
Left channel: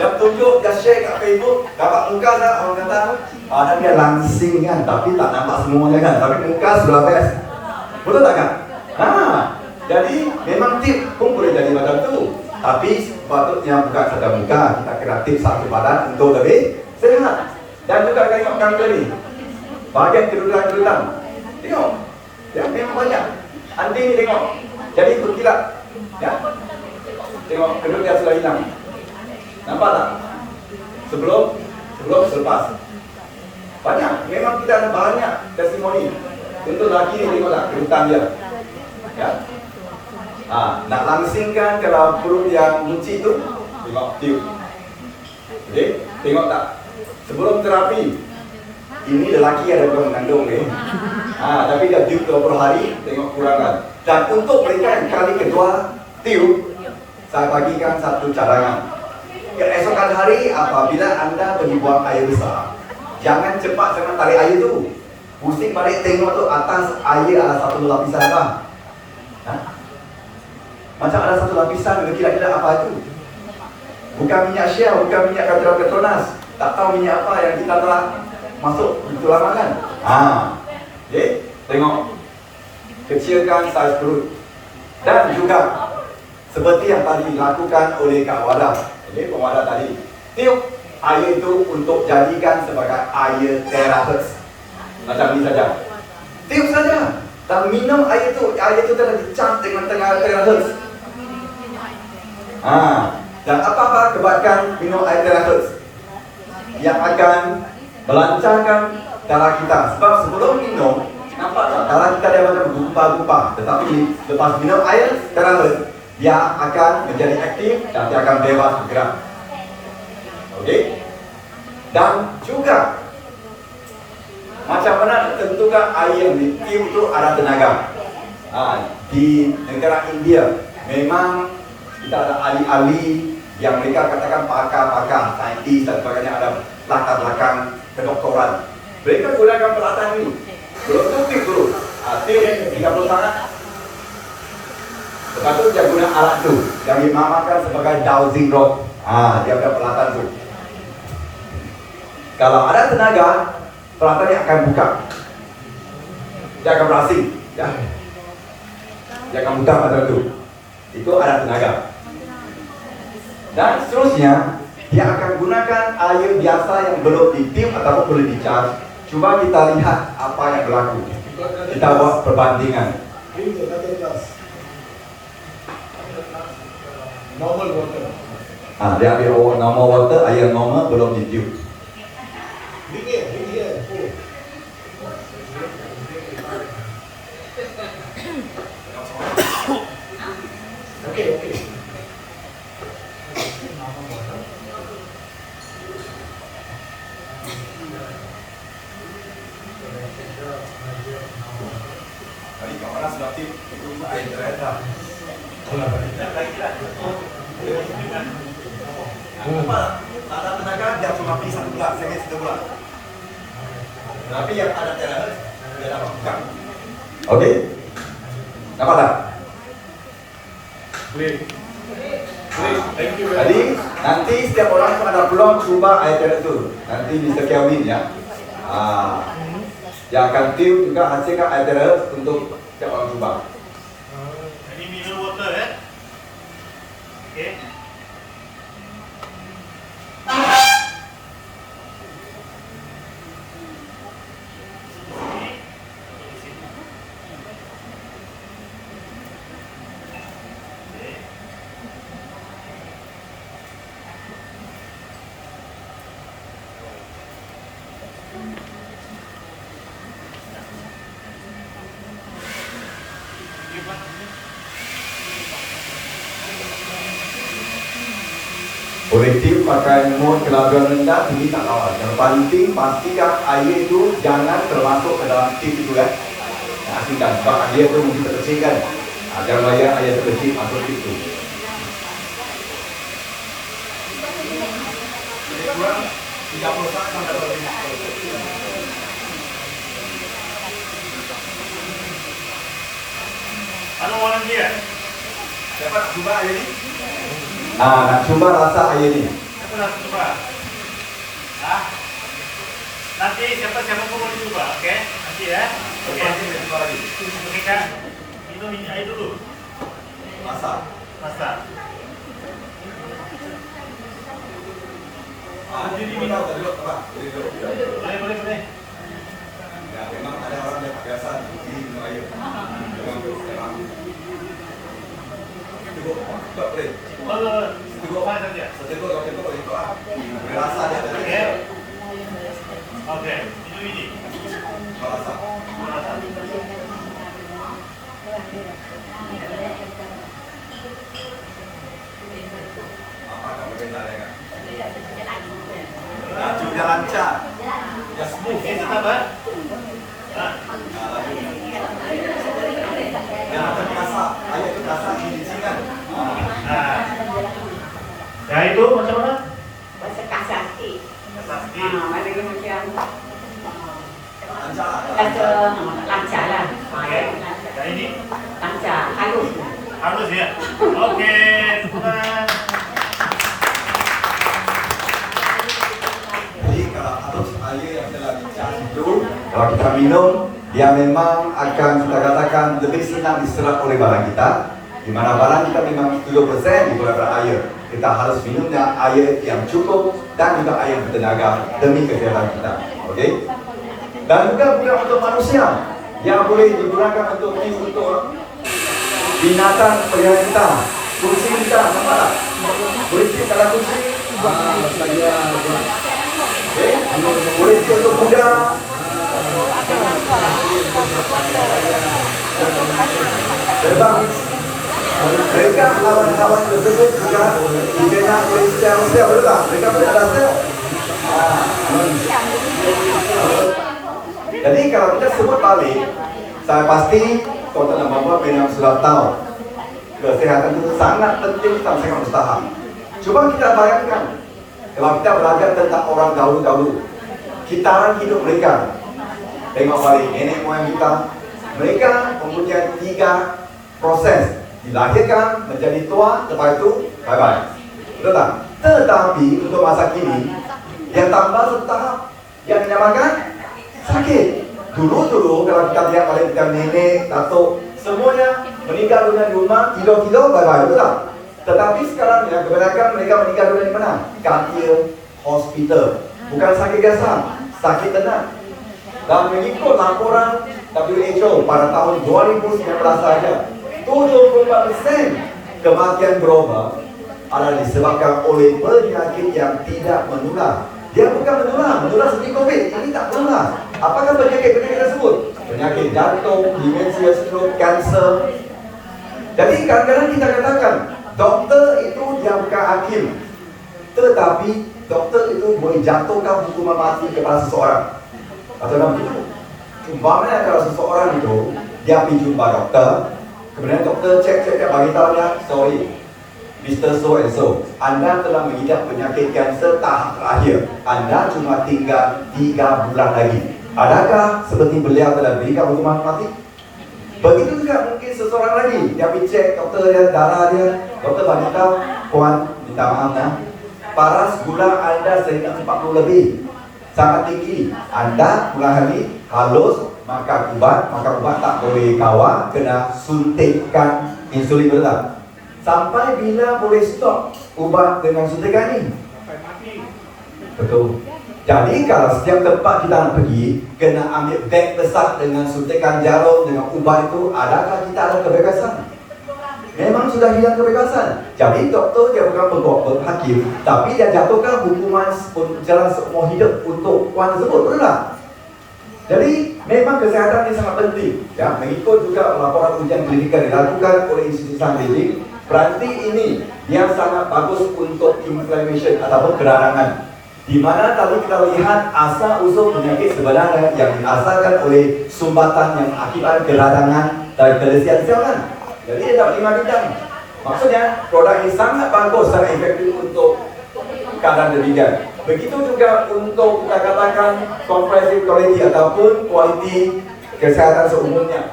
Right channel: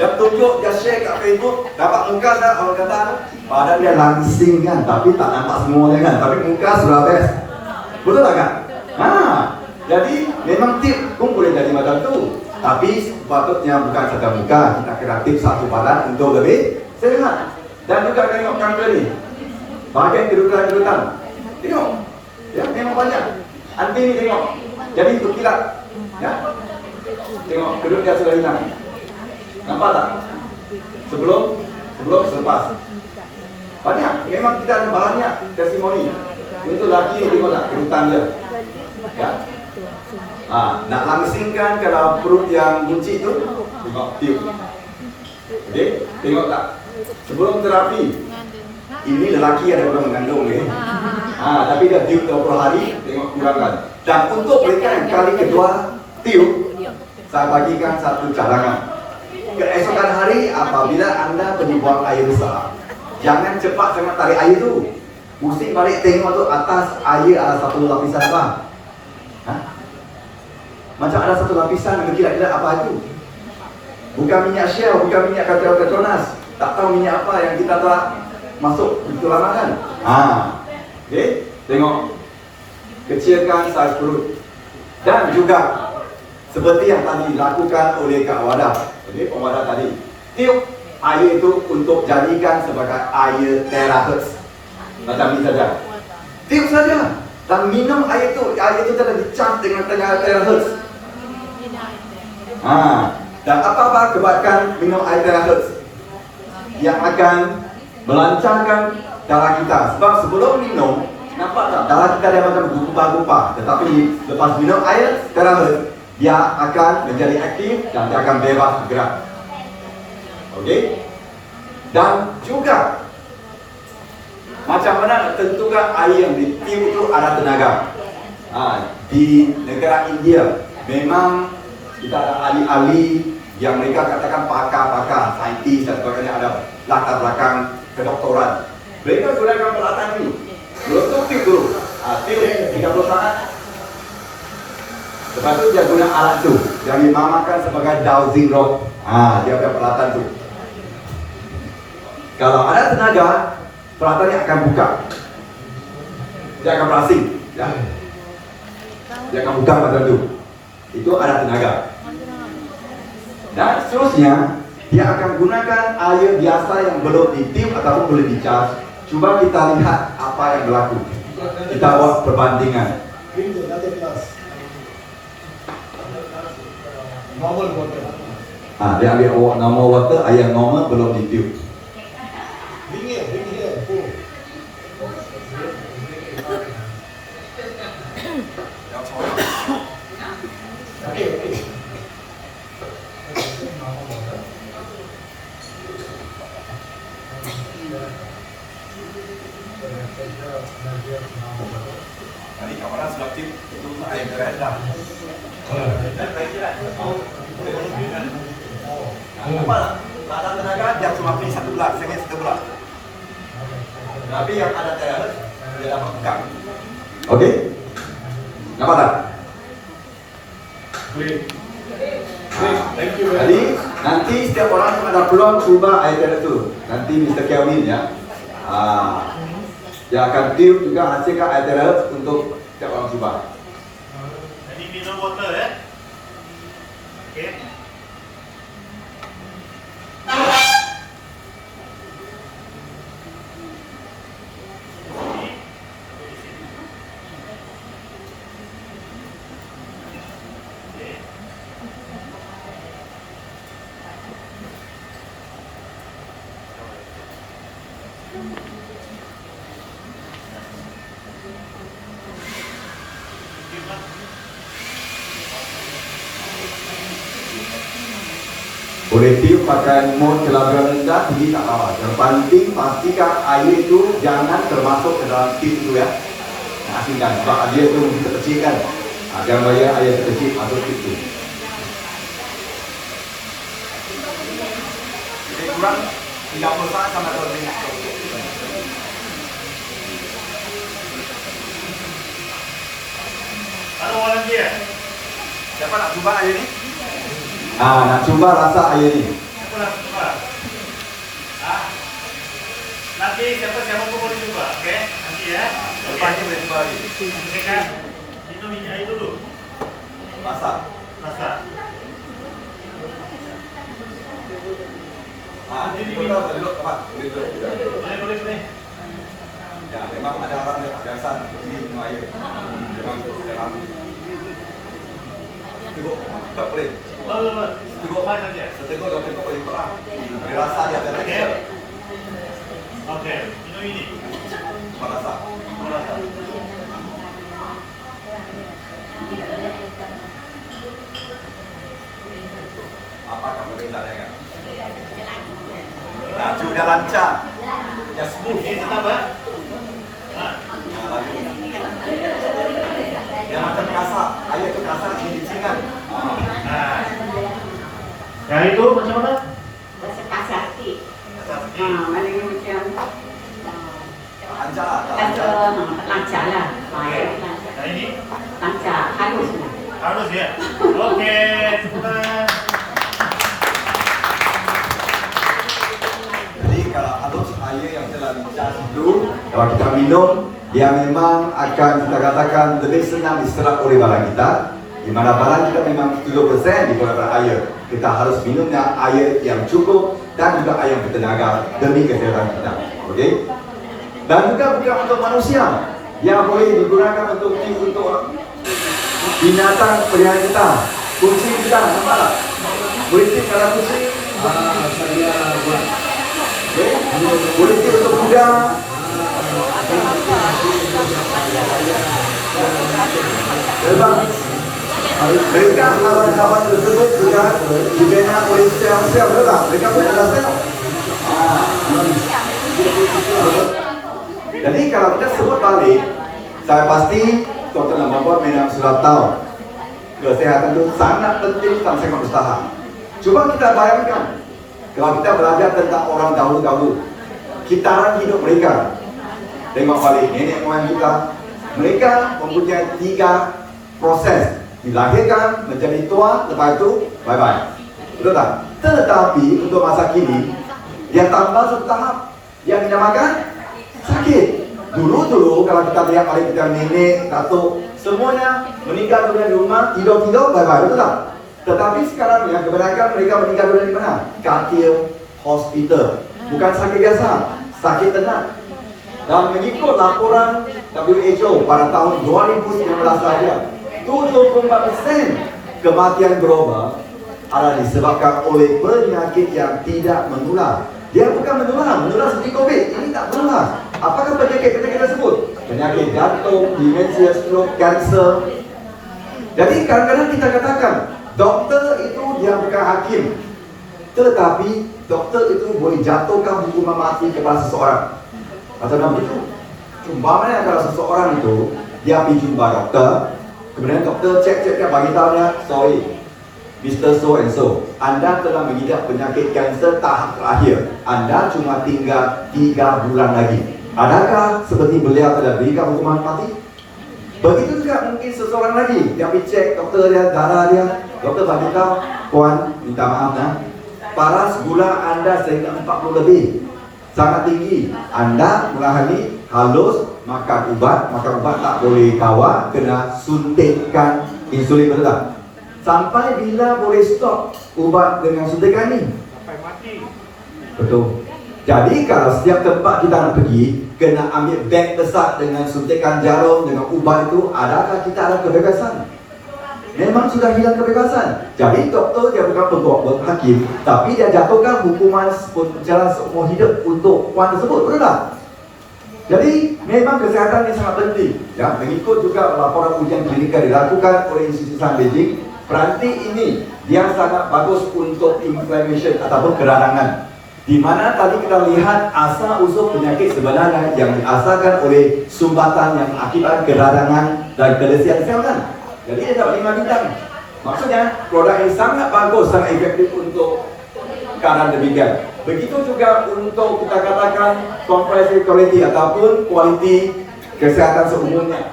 Dia tunjuk, dia share kat Facebook, dapat muka tak? Orang kata, badan dia langsing kan, tapi tak nampak semua dia kan. Tapi muka sudah best. Betul tak kan? Jadi memang tip pun boleh jadi macam tu. Tapi sepatutnya bukan saja muka, kita kena tip satu badan untuk lebih sehat. Dan juga tengok kami tadi, bahagian kedudukan. Tengok, ya memang banyak. Anti ni tengok, jadi berkilat, ya. Tengok kedut dia sudah hilang. Nampak tak? Sebelum selepas. Banyak, memang kita ada banyak testimoni. Untuk laki ni tengok tak kedudukan dia, ya. Nak langsingkan kalau perut yang buncit tu, tengok tiup. Okey, tengok tak? Sebelum terapi, ini lelaki ada orang mengandung ni. Tapi dah tiup 20 hari, tengok kurangan. Dan untuk mereka yang kali kedua tiup, saya bagikan satu cadangan. Keesokan hari apabila anda pergi buang air besar, jangan cepat sangat tarik air tu. Pusing balik tengok tu atas air ada satu lapisan apa? Macam ada satu lapisan, kira-kira apa itu? Bukan minyak Shell, bukan minyak Petronas. Tak tahu minyak apa yang kita telah masuk begitu lama kan? Okay, tengok. Kecilkan saiz perut. Dan juga seperti yang tadi dilakukan oleh Kak Wadah, pewadah tadi. Tiup air itu untuk jadikan sebagai air terahertz. Macam ini saja. Tiup saja. Dan minum air itu telah dicap dengan terahertz. Dan apa kebaikan minum air terahertz? Yang akan melancarkan darah kita. Sebab sebelum minum, nampak tak? Darah kita dia macam bergumpal-gumpal. Tetapi lepas minum air terahertz, dia akan menjadi aktif dan dia akan bebas bergerak. Okey? Dan juga macam mana nak tentukan air yang ditiup itu ada tenaga. Di negara India memang kita ada ahli-ahli yang mereka katakan pakar-pakar, saintis dan sebagainya, ada latar belakang kedoktoran. Mereka gunakan peralatan ini. Belum tu tiup dulu. Tiup 30 saat. Lepas tu dia guna alat tu yang dinamakan sebagai dowsing rod. Dia ada peralatan tu. Kalau ada tenaga, peralatan ini akan buka. Dia akan berasing, ya. Dia akan buka macam tu. Itu ada tenaga. Dan seterusnya, dia akan gunakan air biasa yang belum ditiup ataupun belum dicas. Cuba kita lihat apa yang berlaku. Kita buat perbandingan. Normal water. Dia ambil normal water, air normal belum ditiup. Bring here. Okay. Jadi kamu orang sudah tip untuk ayat terakhir dah. Apa? Tak ada tenaga dia cuma pilih satu belah, sengit satu belah. Tapi yang ada terakhir dia dapat pegang. Okey. Nampak tak? Play. Thank you very Jadi much. nanti setiap orang pun ada peluang cuba ayat itu. Nanti Mr. Kelvin ya. Dia akan tiup juga hasilkan ayat untuk setiap orang cuba. Ini minum water ya. Okey. Boleh tiup pakai mode kelajuan rendah, tinggi tak apa. Yang penting pastikan air itu jangan termasuk ke dalam tip itu ya. Asingkan sebab air itu mungkin terkecil kan. Jangan bagi air terkecil masuk tip itu. Jadi kurang 30 saat sampai 20 minit. Ano volunteer? Siapa nak cuba air ini? Nak cuba rasa air ini. Siapa nak cuba? Ah? Nanti siapa pun boleh cuba, okey? Nanti ya. Lepas ini boleh cuba lagi. Okey kan? Minum ini air dulu. Masak. Masak. Jadi minum duduk tempat. Boleh duduk. Boleh. Ya, memang ada orang yang biasa minum air. Memang. Cukup, tak boleh. Cukup fine saja. Seteguk kalau tengok boleh ikut lah. Boleh rasa dia akan Okey. Okey, minum ini. merasa. Merasa. Apa kamu perintah dia kan? Laju dan lancar. Ya smooth. Okey, tetap ah. Laju. Ya, macam kasar. Air itu kasar, rincingan. Yang itu macam mana? Rasa kasar sikit. Kasar sikit. Malangnya macam Lancar lah. tak kata lancar. lancar lah. Okey. Lancar. Yang ini Lancar, halus. harus ya. Okey, teman. Jadi kalau halus air yang telah dicas itu, kalau kita minum, dia memang akan kita katakan lebih senang diserap oleh badan kita. Di mana badan kita memang 70% daripada air. Kita harus minumnya air yang cukup dan juga air yang bertenaga demi kesehatan kita. Okey? Dan juga bukan untuk manusia, yang boleh digunakan untuk binatang peliharaan kita, kucing kita, nampak tak? Boleh tip kalau kucing. Saya buat. Okay? Boleh tip untuk kuda. Terbang. Mereka hewan-hewan tersebut juga dibina oleh sel-sel, betul tak? Mereka pun ada sel. Jadi kalau kita sebut balik, saya pasti tuan-tuan dan puan-puan memang sudah tahu kesehatan itu sangat penting dan sangat mustahil. Cuba kita bayangkan kalau kita belajar tentang orang dahulu-dahulu, kitaran hidup mereka. Tengok balik nenek moyang kita, mereka mempunyai 3 proses: dilahirkan, menjadi tua, lepas itu bye-bye. Betul tak? Tetapi untuk masa kini, dia tambah satu tahap yang dinamakan sakit. Dulu kalau kita lihat balik kita nenek, datuk, semuanya meninggal dunia di rumah, tidur-tidur, bye-bye, betul tak? Tetapi sekarang ya, kebanyakan mereka meninggal dunia di mana? Katil, hospital. Bukan sakit biasa, sakit tenat. Dan mengikut laporan WHO pada tahun 2019 saja, 74% kematian global adalah disebabkan oleh penyakit yang tidak menular. Dia bukan menular seperti COVID. Ini tak menular. Apakah penyakit tersebut? Penyakit jantung, demensia, stroke, kanser. Jadi kadang-kadang kita katakan, doktor itu dia bukan hakim. Tetapi doktor itu boleh jatuhkan hukuman mati kepada seseorang. Macam dalam itu, umpamanya kalau seseorang itu dia pergi jumpa doktor. Kemudian doktor cek dia bagi tahu dia, sorry, Mr. So and so, Anda telah mengidap penyakit kanser tahap terakhir. Anda cuma tinggal 3 bulan lagi. Adakah seperti beliau telah berikan hukuman mati? Begitu juga mungkin seseorang lagi, dia pergi cek doktor dia, darah dia. Doktor bagi tahu, puan, minta maaf nah, paras gula Anda sehingga 40 lebih, sangat tinggi. Anda mengalami halus, makan ubat tak boleh kawal, kena suntikkan insulin, betul tak? Sampai bila boleh stop ubat dengan suntikan ini? Sampai mati. Betul. Jadi kalau setiap tempat kita nak pergi, kena ambil beg besar dengan suntikan jarum, dengan ubat itu, adakah kita ada kebebasan? Memang sudah hilang kebebasan. Jadi doktor dia bukan pegawai hakim, tapi dia jatuhkan hukuman penjara seumur hidup untuk puan tersebut, betul tak? Jadi memang kesihatan ini sangat penting. Ya, mengikut juga laporan ujian klinikal dilakukan oleh institusi Beijing, peranti ini dia sangat bagus untuk inflammation ataupun keradangan. Di mana tadi kita lihat asal usul penyakit sebenarnya yang diasalkan oleh sumbatan yang akibat keradangan dan kelesian sel kan. Jadi dia tak 5 bintang. Maksudnya produk ini sangat bagus, sangat efektif untuk keadaan demikian. Begitu juga untuk kita katakan comprehensive quality ataupun kualiti kesehatan seumurnya.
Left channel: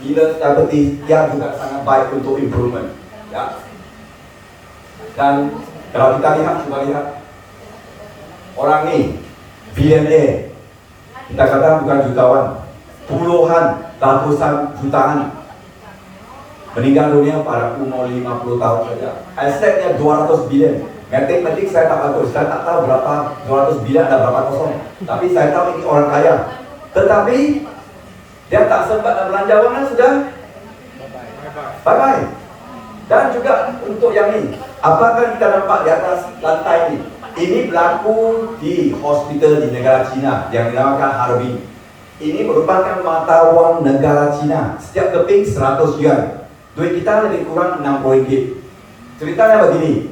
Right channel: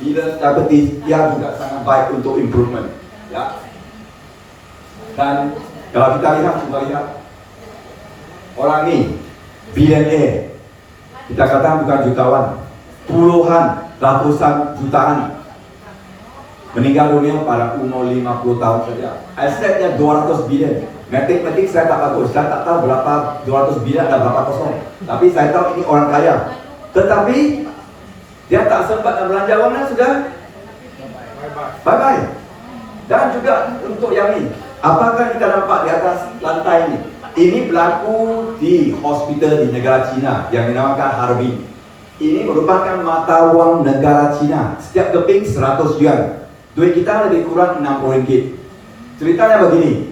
Bila diabetes, dia juga sangat baik untuk improvement. Ya. Dan kalau kita lihat, coba lihat orang ni billionaire, kita katakan bukan jutawan, puluhan, ratusan jutaan meninggal dunia pada umur 50 tahun saja. Asetnya 200 bilion. Matematik saya tak bagus, saya tak tahu berapa 200 bilion dan berapa kosong. Tapi saya tahu ini orang kaya. Tetapi dia tak sempat nak belanja wang sudah bye-bye. Dan juga untuk yang ini, apakah kita nampak di atas lantai ini? Ini berlaku di hospital di negara China yang dinamakan Harbin. Ini merupakan mata wang negara China. Setiap keping 100 yuan. Duit kita lebih kurang 60 ringgit. Ceritanya begini.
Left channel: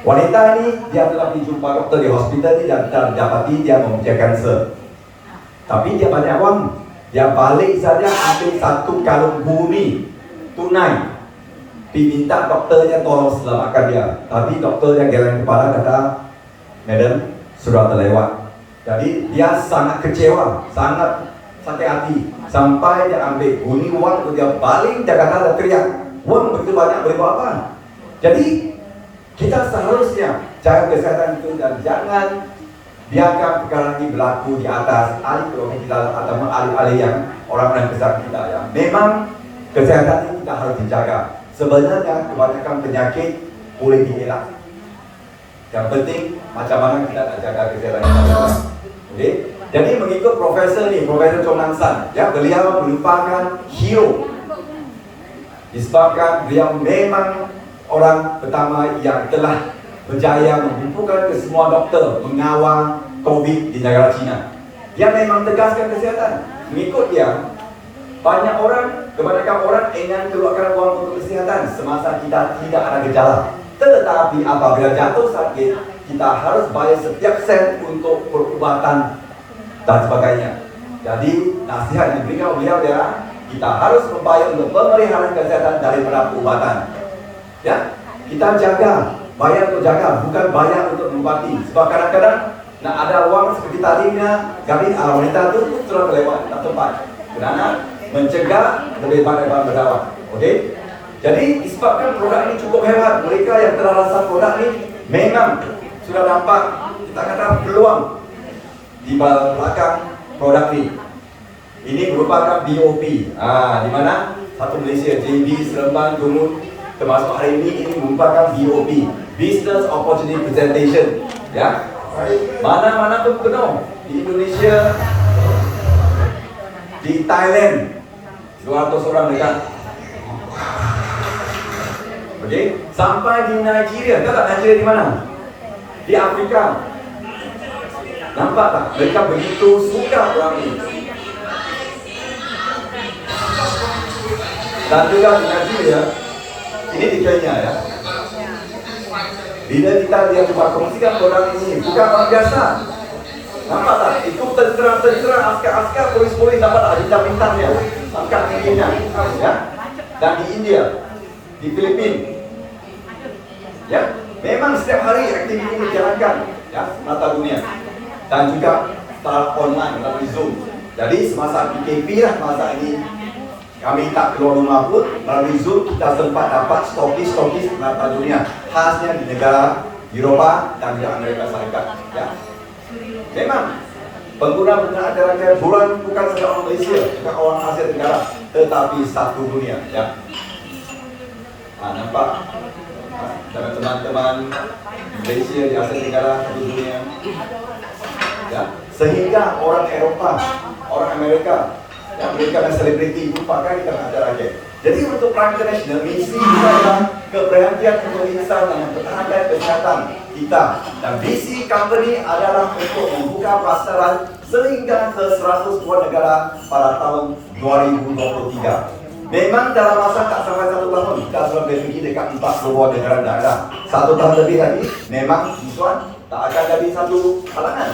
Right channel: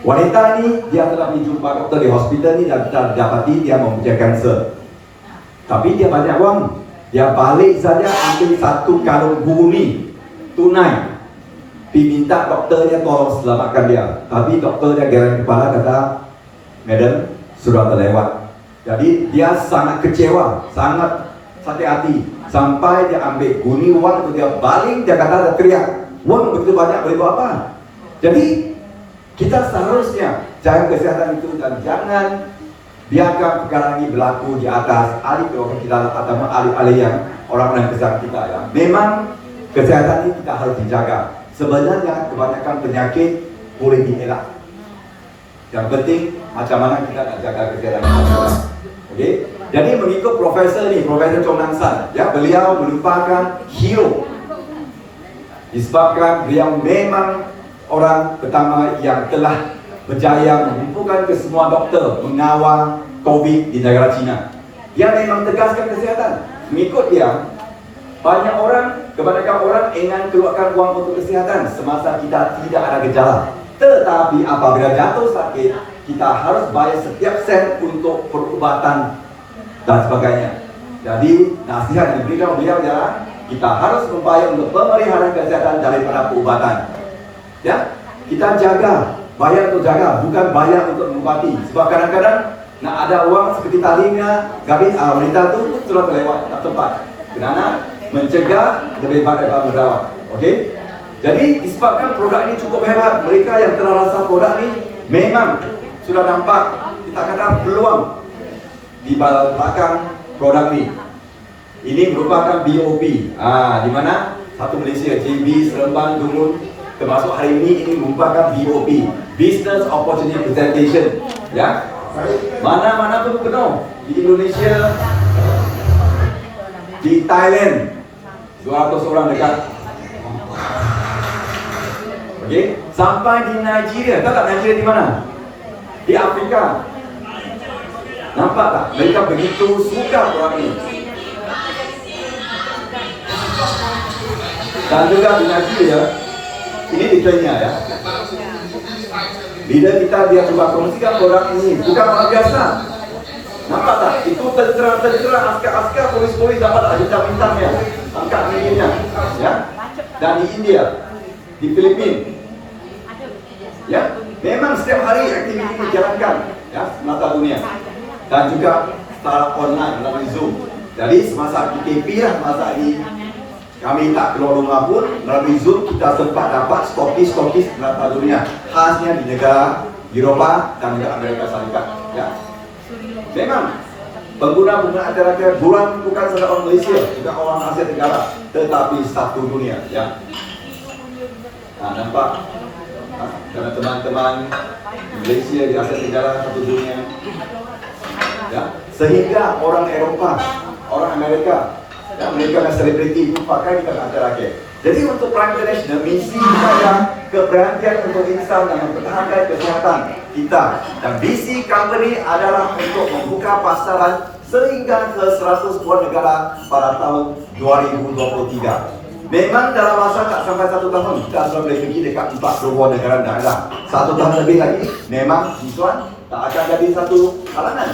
Wanita ini dia telah dijumpa doktor di hospital ini dan dapati dia mempunyai kanser. Tapi dia banyak wang. Dia balik saja ambil 1 kalung bumi tunai. Diminta doktornya tolong selamatkan dia. Tapi doktornya geleng kepala kata, "Madam, sudah terlewat." Jadi dia sangat kecewa, sangat sakit hati. Sampai dia ambil guni wang itu dia baling, dia kata dia teriak, "Wang begitu banyak boleh buat apa?" Jadi kita seharusnya jaga kesihatan itu dan jangan biarkan perkara ini berlaku di atas ahli keluarga kita atau ahli-ahli yang orang-orang besar kita ya. Memang kesihatan ini kita harus dijaga. Sebenarnya kebanyakan penyakit boleh dielak. Yang penting macam mana kita nak jaga kesihatan kita. Okey. Jadi mengikut profesor ni, Profesor Chong Nan San, ya, beliau merupakan hero. Disebabkan beliau memang orang pertama yang telah berjaya mengumpulkan ke semua doktor mengawal COVID di negara China. Dia memang tegaskan kesihatan. Mengikut dia, banyak orang, kebanyakan orang ingin keluarkan wang untuk kesihatan semasa kita tidak ada gejala. Tetapi apabila jatuh sakit, kita harus bayar setiap sen untuk perubatan dan sebagainya. Jadi nasihat yang diberikan beliau ialah kita harus membayar untuk pemeliharaan kesehatan daripada perubatan. Ya, kita jaga, bayar untuk jaga, bukan bayar untuk mengobati. Sebab kadang-kadang nak ada uang seperti tadinya, gadis wanita itu sudah terlewat, tak tepat. Kerana mencegah lebih baik daripada merawat. Okey? Jadi disebabkan produk ini cukup hebat, mereka yang telah rasa produk ini memang sudah nampak, kita kata peluang di belakang produk ini. Ini merupakan BOP. Di mana satu Malaysia, JB, Seremban, Dungun, termasuk hari ini merupakan BOP, Business Opportunity Presentation. Ya, mana-mana pun penuh di Indonesia, di Thailand 200 orang dekat. Okey, sampai di Nigeria. Tahu tak Nigeria di mana? Di Afrika. Nampak tak? Mereka begitu suka orang ini. Dan juga di Nigeria, ini di Kenya ya. Bila kita dia cuba kongsikan produk ini, bukan orang biasa. Nampak tak? Itu tentera-tentera, askar-askar, polis-polis dapat tak bintang-bintangnya. angkat ringgitnya, ya. Dan di India, di Filipina, ya. Memang setiap hari aktiviti ini dijalankan, ya, mata dunia. Dan juga secara online melalui Zoom. Jadi semasa PKP lah masa ini kami tak keluar rumah pun, melalui Zoom kita sempat dapat stokis merata dunia, khasnya di negara Eropah dan juga Amerika Serikat. Ya. Memang pengguna antara bukan saja orang Malaysia, juga orang Asia Tenggara, tetapi satu dunia. Ya. Nah, nampak teman-teman di Malaysia, di Asia Tenggara, satu dunia. Ya. Sehingga orang Eropah, orang Amerika, ya, mereka yang selebriti pun pakai di antara rakyat. Jadi untuk Prime International, misi kita adalah keberhasilan untuk insan dan mempertahankan kesihatan kita. Dan visi company adalah untuk membuka pasaran sehingga ke 100 buah negara pada tahun 2023. Memang dalam masa tak sampai 1 tahun, kita sudah boleh pergi dekat 40 buah negara daerah. 1 tahun lebih lagi, memang tuan tak akan jadi satu halangan.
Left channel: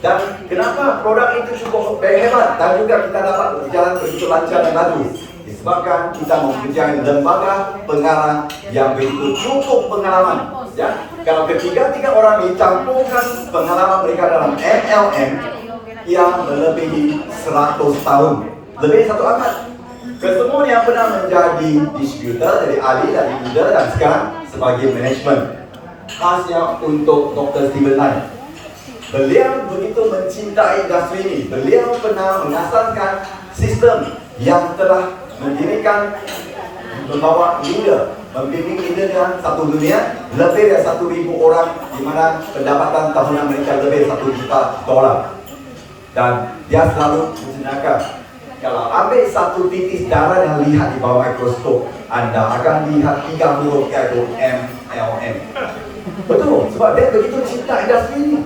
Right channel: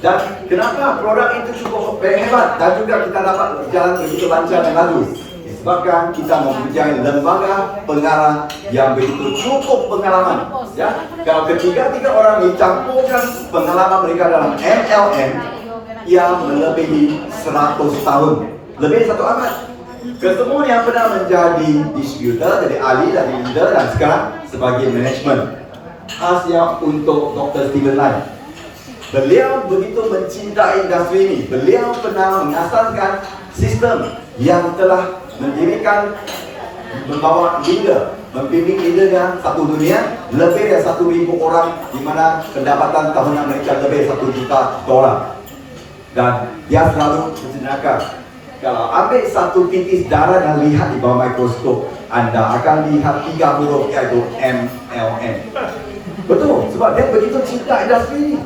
Dan kenapa produk itu cukup hebat dan juga kita dapat berjalan begitu lancar dan laju? Disebabkan kita mempunyai lembaga pengarah yang begitu cukup pengalaman. Ya, kalau ketiga-tiga orang ini campurkan pengalaman mereka dalam MLM yang melebihi 100 tahun, lebih 1 abad. Kesemuanya pernah menjadi distributor, jadi ahli dari leader dan sekarang sebagai manajemen. Khasnya untuk Dr. Stephen Lai. Beliau begitu mencintai industri ini. Beliau pernah mengasaskan sistem yang telah mendirikan, membawa leader, membimbing leadernya satu dunia, lebih dari 1,000 orang, di mana pendapatan tahunan mereka lebih 1 juta dolar. Dan dia selalu berjenaka, kalau ambil satu titis darah dan lihat di bawah mikroskop, Anda akan lihat 3 huruf, yaitu MLM. Betul, sebab dia begitu cinta industri ini.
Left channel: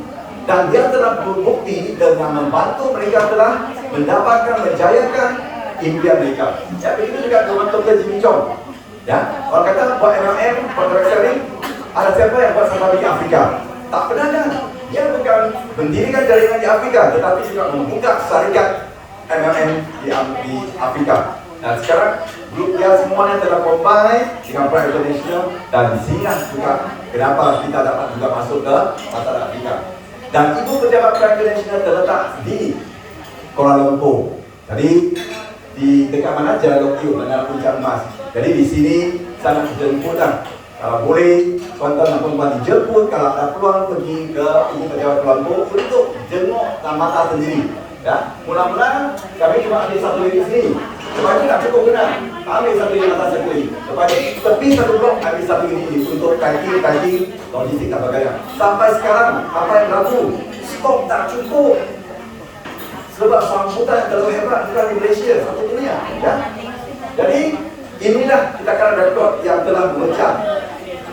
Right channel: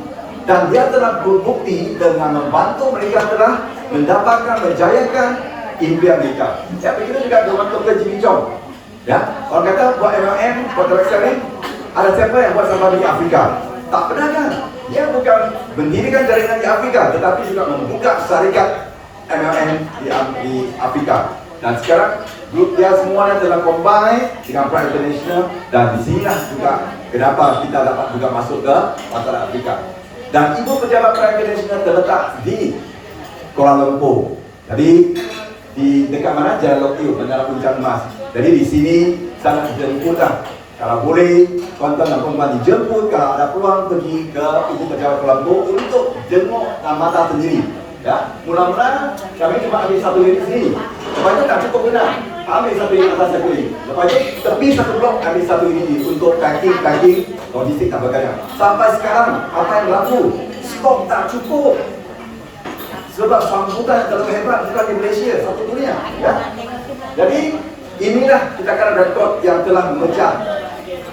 Dan dia telah berbukti dengan membantu mereka telah mendapatkan, menjayakan impian mereka. Ya, begitu juga dengan Dr. Jimmy Chong. Ya, orang kata buat MLM, buat direct selling, ada siapa yang buat sampai di Afrika? Tak pernah kan? Dia bukan mendirikan jaringan di Afrika, tetapi juga membuka syarikat MLM di Afrika. Dan sekarang grup dia semuanya telah combine dengan Prime International, dan di sini juga kenapa kita dapat juga masuk ke pasar Afrika. Dan ibu pejabat Prime International terletak di Kuala Lumpur. Jadi di dekat mana? Jalan Lok Tiu, Bandara Puncak Emas. Jadi di sini sangat dijemputkan. Kalau boleh, tuan-tuan dan puan-puan dijemput kalau ada peluang pergi ke ibu pejabat Kuala Lumpur untuk jenguk mata sendiri. Ya, mula-mula kami cuma ambil 1 unit sini. Lepas itu tak cukup benar. Ambil 1 unit atas 1 unit. Lepas itu tepi 1 blok ambil 1 unit untuk packing, logistik dan sebagainya. Sampai sekarang apa yang berlaku? Stok tak cukup. Sebab sambutan yang terlalu hebat bukan di Malaysia, satu dunia. Ya. Jadi inilah kita akan rekod yang telah memecah,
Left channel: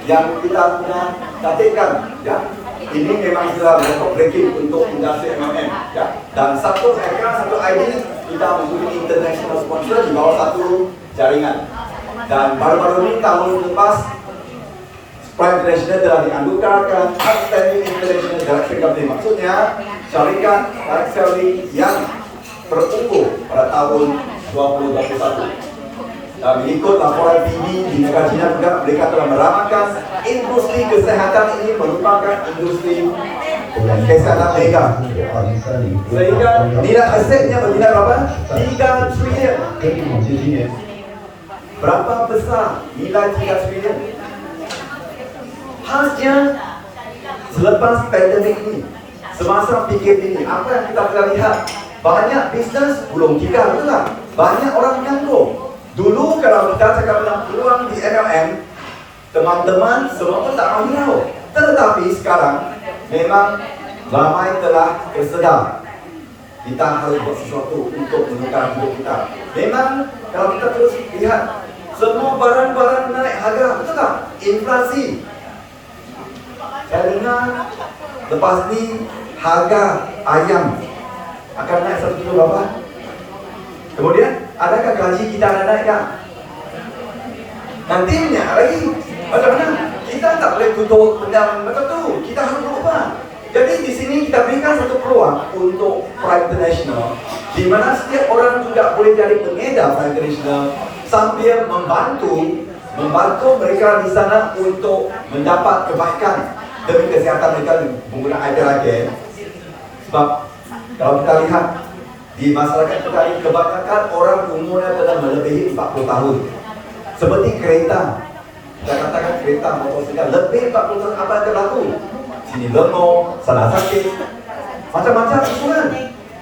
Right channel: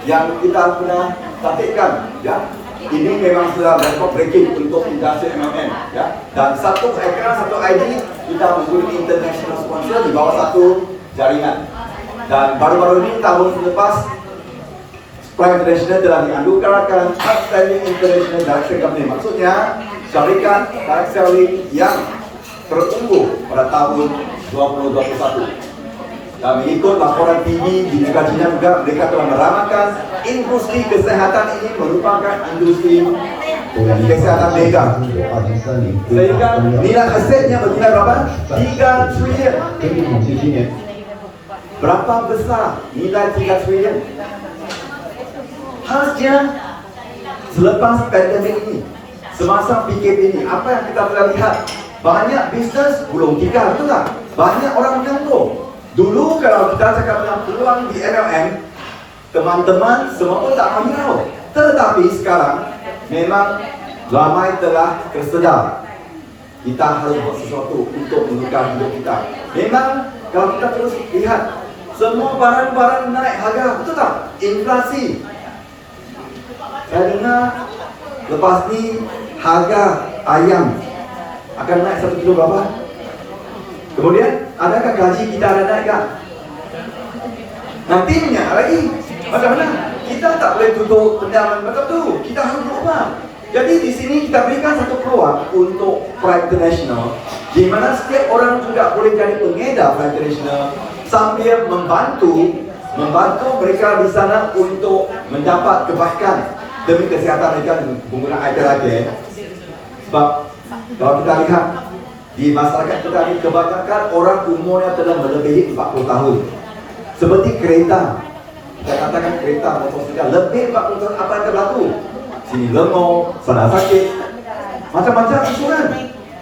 yang kita pernah tatipkan. Ya. Ini memang sudah record breaking untuk industri MLM, ya. Dan satu ekran, satu ID kita mempunyai international sponsor di bawah satu jaringan. Dan baru-baru ini tahun lepas Prime International telah dianugerahkan Outstanding International Director Company. Maksudnya syarikat direct selling yang terunggul pada tahun 2021. Dan mengikut laporan TV di negara China juga, mereka telah meramalkan industri kesehatan ini merupakan industri kesehatan mega. Sehingga nilai asetnya bernilai berapa? 3 triliun. Berapa besar nilai 3 triliun? Khasnya selepas pandemik ini, semasa PKP ini, apa yang kita telah lihat? Banyak bisnes gulung tikar, betul tak? Banyak orang menganggur. Dulu kalau kita cakap tentang peluang di MLM, teman-teman semua pun tak mahu. Tetapi sekarang memang ramai telah tersedar kita harus buat sesuatu untuk menukar hidup kita. Memang kalau kita terus lihat semua barang-barang naik harga, betul tak? Inflasi. Saya dengar lepas ni harga ayam akan naik 1 kilo berapa? Kemudian, adakah gaji kita ada naik tak? Nantinya lagi, bagaimana? Kita tak boleh tutup pendam macam tu. Kita harus berubah. Jadi di sini kita berikan satu peluang untuk Pride International, di mana setiap orang juga boleh jadi pengedar Pride International sambil membantu mereka di sana untuk mendapat kebaikan demi kesihatan mereka menggunakan air terapi. Sebab kalau kita lihat di masyarakat kita ini kebanyakan orang umurnya telah melebihi 40 tahun. Seperti kereta, kita katakan kereta motosikal lebih 40 tahun, apa yang berlaku? Sini lengo, sana sakit, macam-macam isu kan.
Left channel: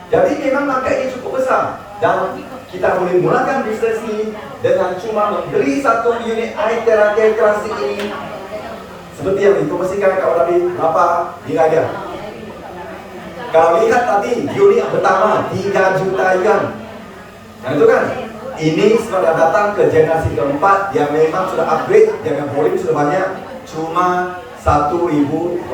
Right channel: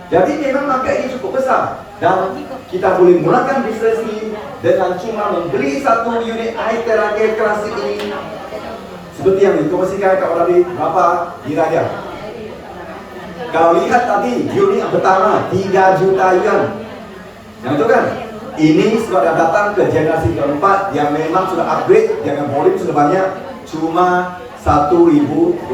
Jadi memang market ini cukup besar dan kita boleh mulakan bisnes ini dengan cuma membeli satu unit air terapi klasik ini. Seperti yang dipromosikan Kak Wadabi, berapa nilai dia? Kalau lihat tadi unit yang pertama 3 juta yuan. Yang itu kan? Ini sudah datang ke generasi keempat yang memang sudah upgrade dengan volume sudah banyak, cuma 1.280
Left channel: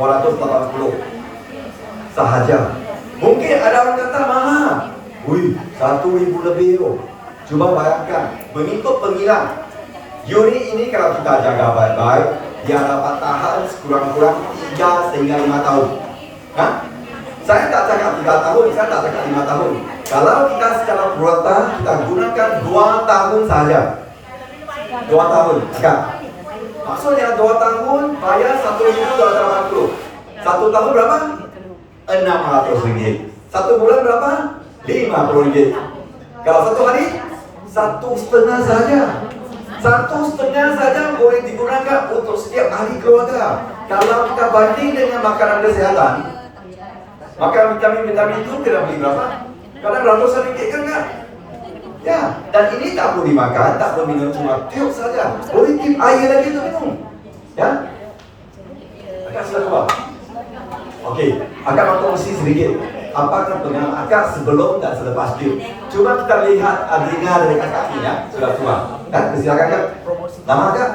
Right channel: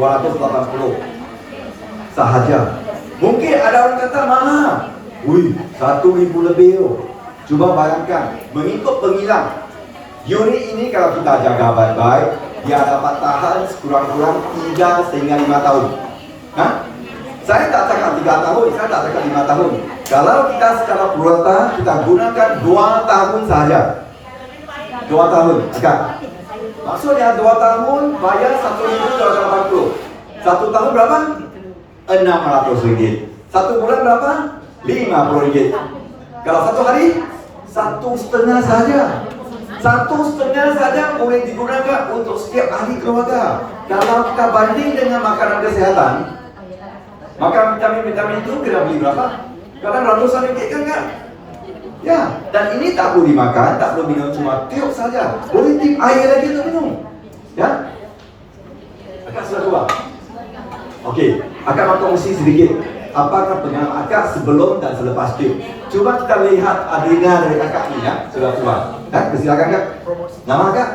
sahaja. Mungkin ada orang kata mahal. Wih, 1.000 lebih loh. Coba bayangkan, mengikut pengilang unit ini kalau kita jaga baik-baik, dia dapat tahan sekurang-kurang 3 sehingga 5 tahun. Hah? Saya tak cakap 3 tahun, saya tak cakap 5 tahun. Kalau kita secara purata, kita gunakan 2 tahun saja. 2 tahun, agak. Maksudnya 2 tahun bayar 1.280. 1 tahun berapa? 600 ringgit. 1 bulan berapa? 50 ringgit. Kalau 1 hari? 1,5 saja. 1,5 saja boleh digunakan untuk setiap ahli keluarga. Kalau kita banding dengan makanan kesehatan, makan vitamin-vitamin itu kena beli berapa? Kadang ratusan ringgit kan? Ya, dan ini tak perlu dimakan, tak perlu minum, cuma tiup saja. Boleh tiup air lagi untuk minum. Ya? Akak sudah tua. Okey, akak nak kongsi sedikit. Apakah pengalaman akak sebelum dan selepas tiup? Cuba kita lihat adina dari akak ni ya, sudah tua. Silakan kak. Nama akak?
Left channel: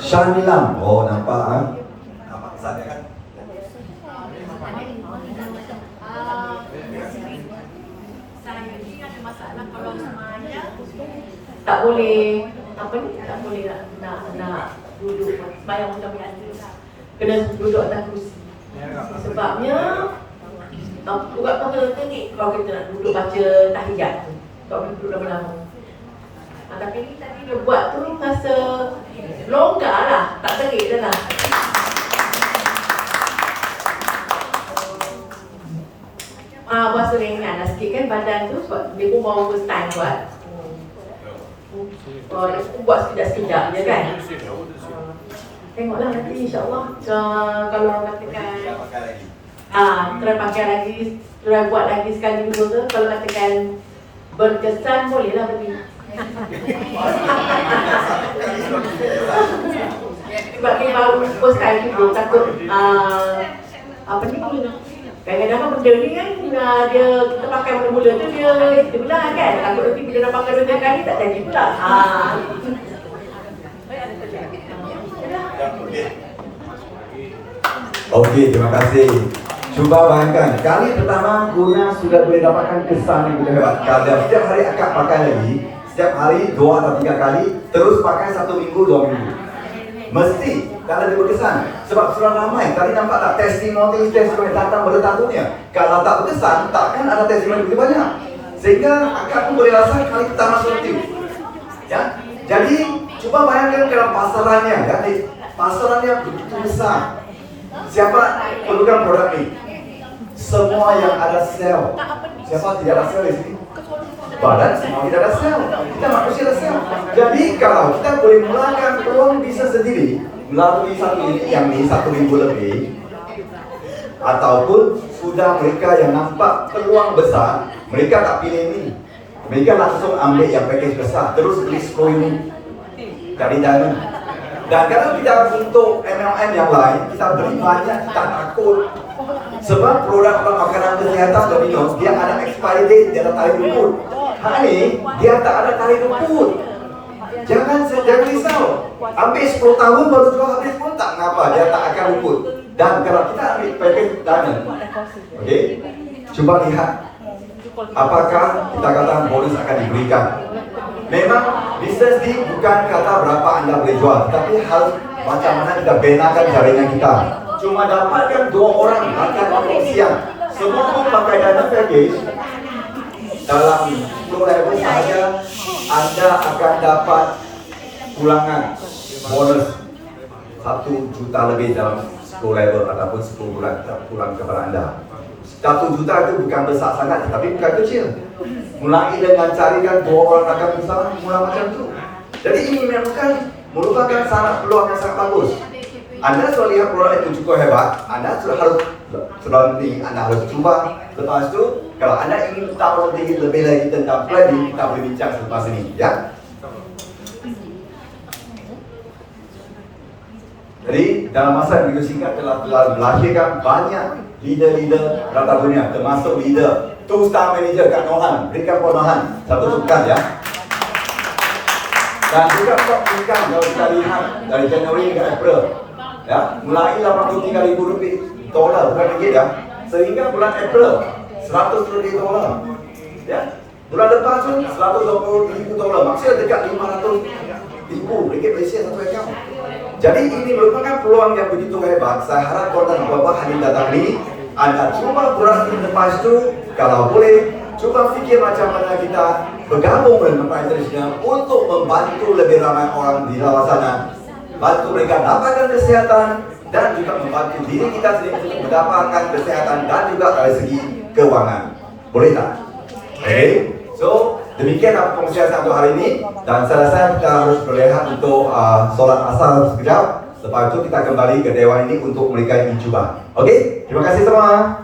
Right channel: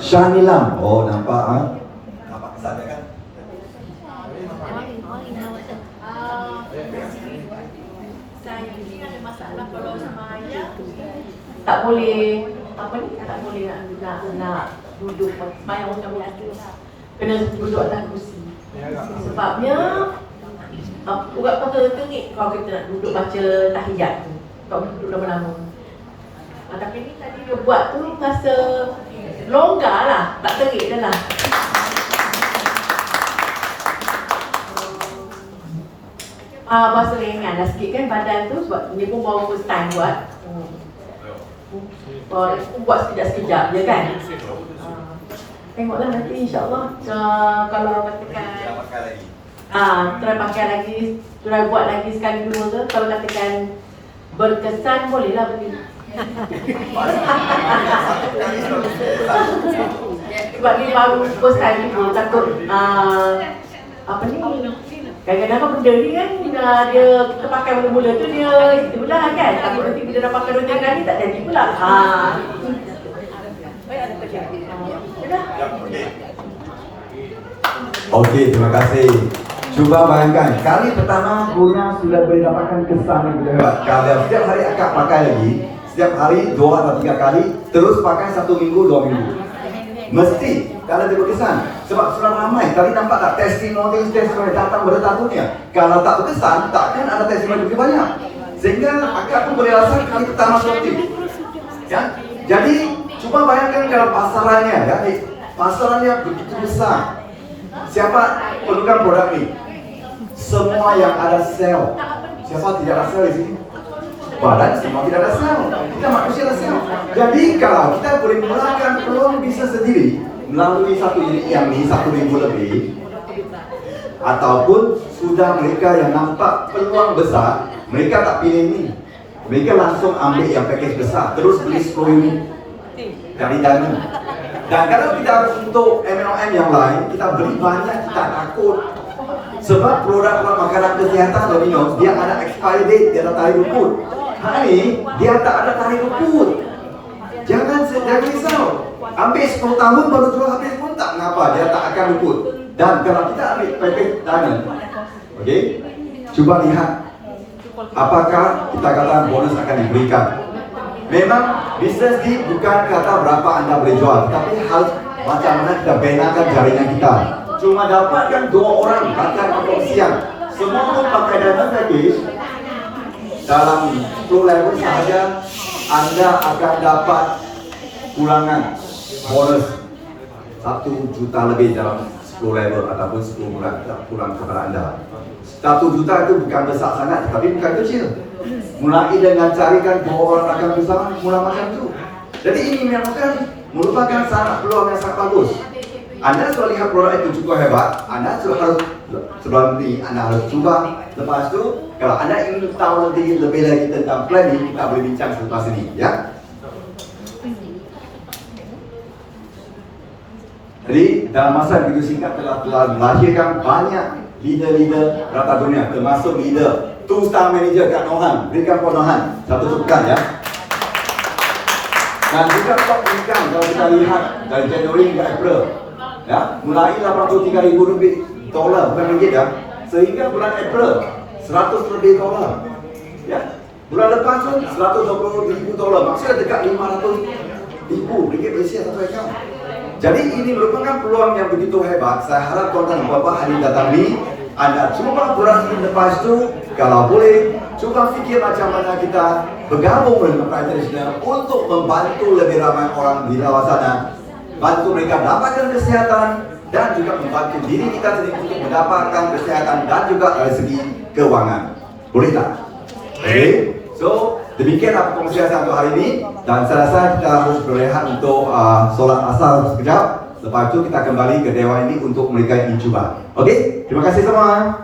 Syanilam. Oh, nampak ah. Nampak kesannya kan? Saya ni ada masalah kalau semaya tak boleh tak boleh nak duduk semaya macam biasa lah. Kena duduk atas kursi. Sebabnya urat paha tengik kalau kita nak duduk baca tahiyat tu. Kalau duduk lama-lama. Tapi ni tadi dia buat tu rasa longgar lah, tak terik dah lah. Bahasa ringan lah sikit kan badan tu sebab dia pun baru first time buat. Buat sekejap-sekejap je kan. Tengoklah nanti insyaAllah kalau orang katakan try pakai lagi, try buat lagi sekali dua ke. Kalau katakan berkesan bolehlah beli. Sebab dia baru first time juga takut kadang-kadang benda ni kan dia kita pakai mula-mula tu dia belah kan. Takut nanti bila dah pakai benda kali tak jadi pula. Okey, terima kasih. Cuba bayangkan, kali pertama guna sudah boleh dapatkan kesan yang begitu hebat. Kalau setiap hari akak pakai lagi, setiap hari 2 atau 3 kali, terus pakai 1 minggu, 2 minggu. Mesti kalau dia berkesan. Sebab sudah ramai, tadi nampak tak testimoni datang pada tahunnya. Kalau tak berkesan, takkan ada testimoni begitu banyak. Sehingga akak pun boleh rasa kali pertama seperti itu. Ya? Jadi, cuba bayangkan kalau pasarannya, ya, pasarannya begitu besar. Siapa perlukan produk ini? Semua yang ada sel. Siapa tidak ada sel di sini? Badan semua tidak ada sel. Kita manusia ada sel. Jadi kalau kita boleh mulakan peluang bisa sendiri melalui satu unit yang ini 1 minggu lebih, ataupun sudah mereka yang nampak peluang besar, mereka tak pilih ini. Mereka langsung ambil yang package besar, terus beli 10 unit dari dana. Dan kalau kita untuk MLM yang lain, kita beli banyak, kita takut. Sebab produk-produk makanan kesihatan dan minum, dia ada expiry date, dia ada tarikh rukun. Ini, dia tak ada tarikh rukun. Jangan risau. Ambil 10 tahun baru jual habis pun tak mengapa, dia tak akan rukun. Dan kalau kita ambil package diamond, okey, cuba lihat apakah kita kata bonus akan diberikan. Memang bisnes ni bukan kata berapa anda boleh jual, tapi hal macam mana kita benakan jaringan kita. cuma dapatkan 2 orang makan makan siang. Semua pun pakai dana package. Dalam flow level sahaja anda akan dapat pulangan bonus 1 juta lebih dalam 10 level ataupun 10 bulan pulang kepada anda. 1 juta itu bukan besar sangat, tapi bukan kecil. Mulai dengan carikan 2 orang akan bersama, mula macam itu. Jadi ini merupakan sangat peluang yang sangat bagus. Anda sudah lihat produk itu cukup hebat, Anda harus cuba. Lepas itu, kalau Anda ingin tahu lebih lagi tentang planning, kita boleh bincang selepas ini, ya. Jadi dalam masa begitu singkat telah melahirkan banyak leader-leader rata dunia, termasuk leader 2-star manager Kak Nohan. Berikan Pak Nohan satu tepukan, ya. Dan juga Pak berikan kalau kita lihat dari Januari hingga April, ya, mulai 83,000 lebih dolar, bukan ringgit, ya, sehingga bulan April 100 lebih dolar, ya. Bulan lepas pun 120,000 dolar, maksudnya dekat 500,000 ringgit Malaysia satu akaun. Jadi ini merupakan peluang yang begitu hebat. Saya harap tuan-tuan dan puan-puan hari datang ini Anda cuba beras ini lepas itu, kalau boleh cuba fikir macam mana kita bergabung dengan Mekah International untuk membantu lebih ramai orang di luar sana, bantu mereka mendapatkan kesihatan dan juga membantu diri kita sendiri untuk mendapatkan kesihatan dan juga dari segi keuangan. Boleh tak? Boleh. So demikianlah pembicaraan untuk hari ini, dan saya rasa kita harus berehat untuk solat asar sekejap. Lepas itu kita kembali ke dewan ini untuk mereka yang mencuba. Okey, terima kasih semua.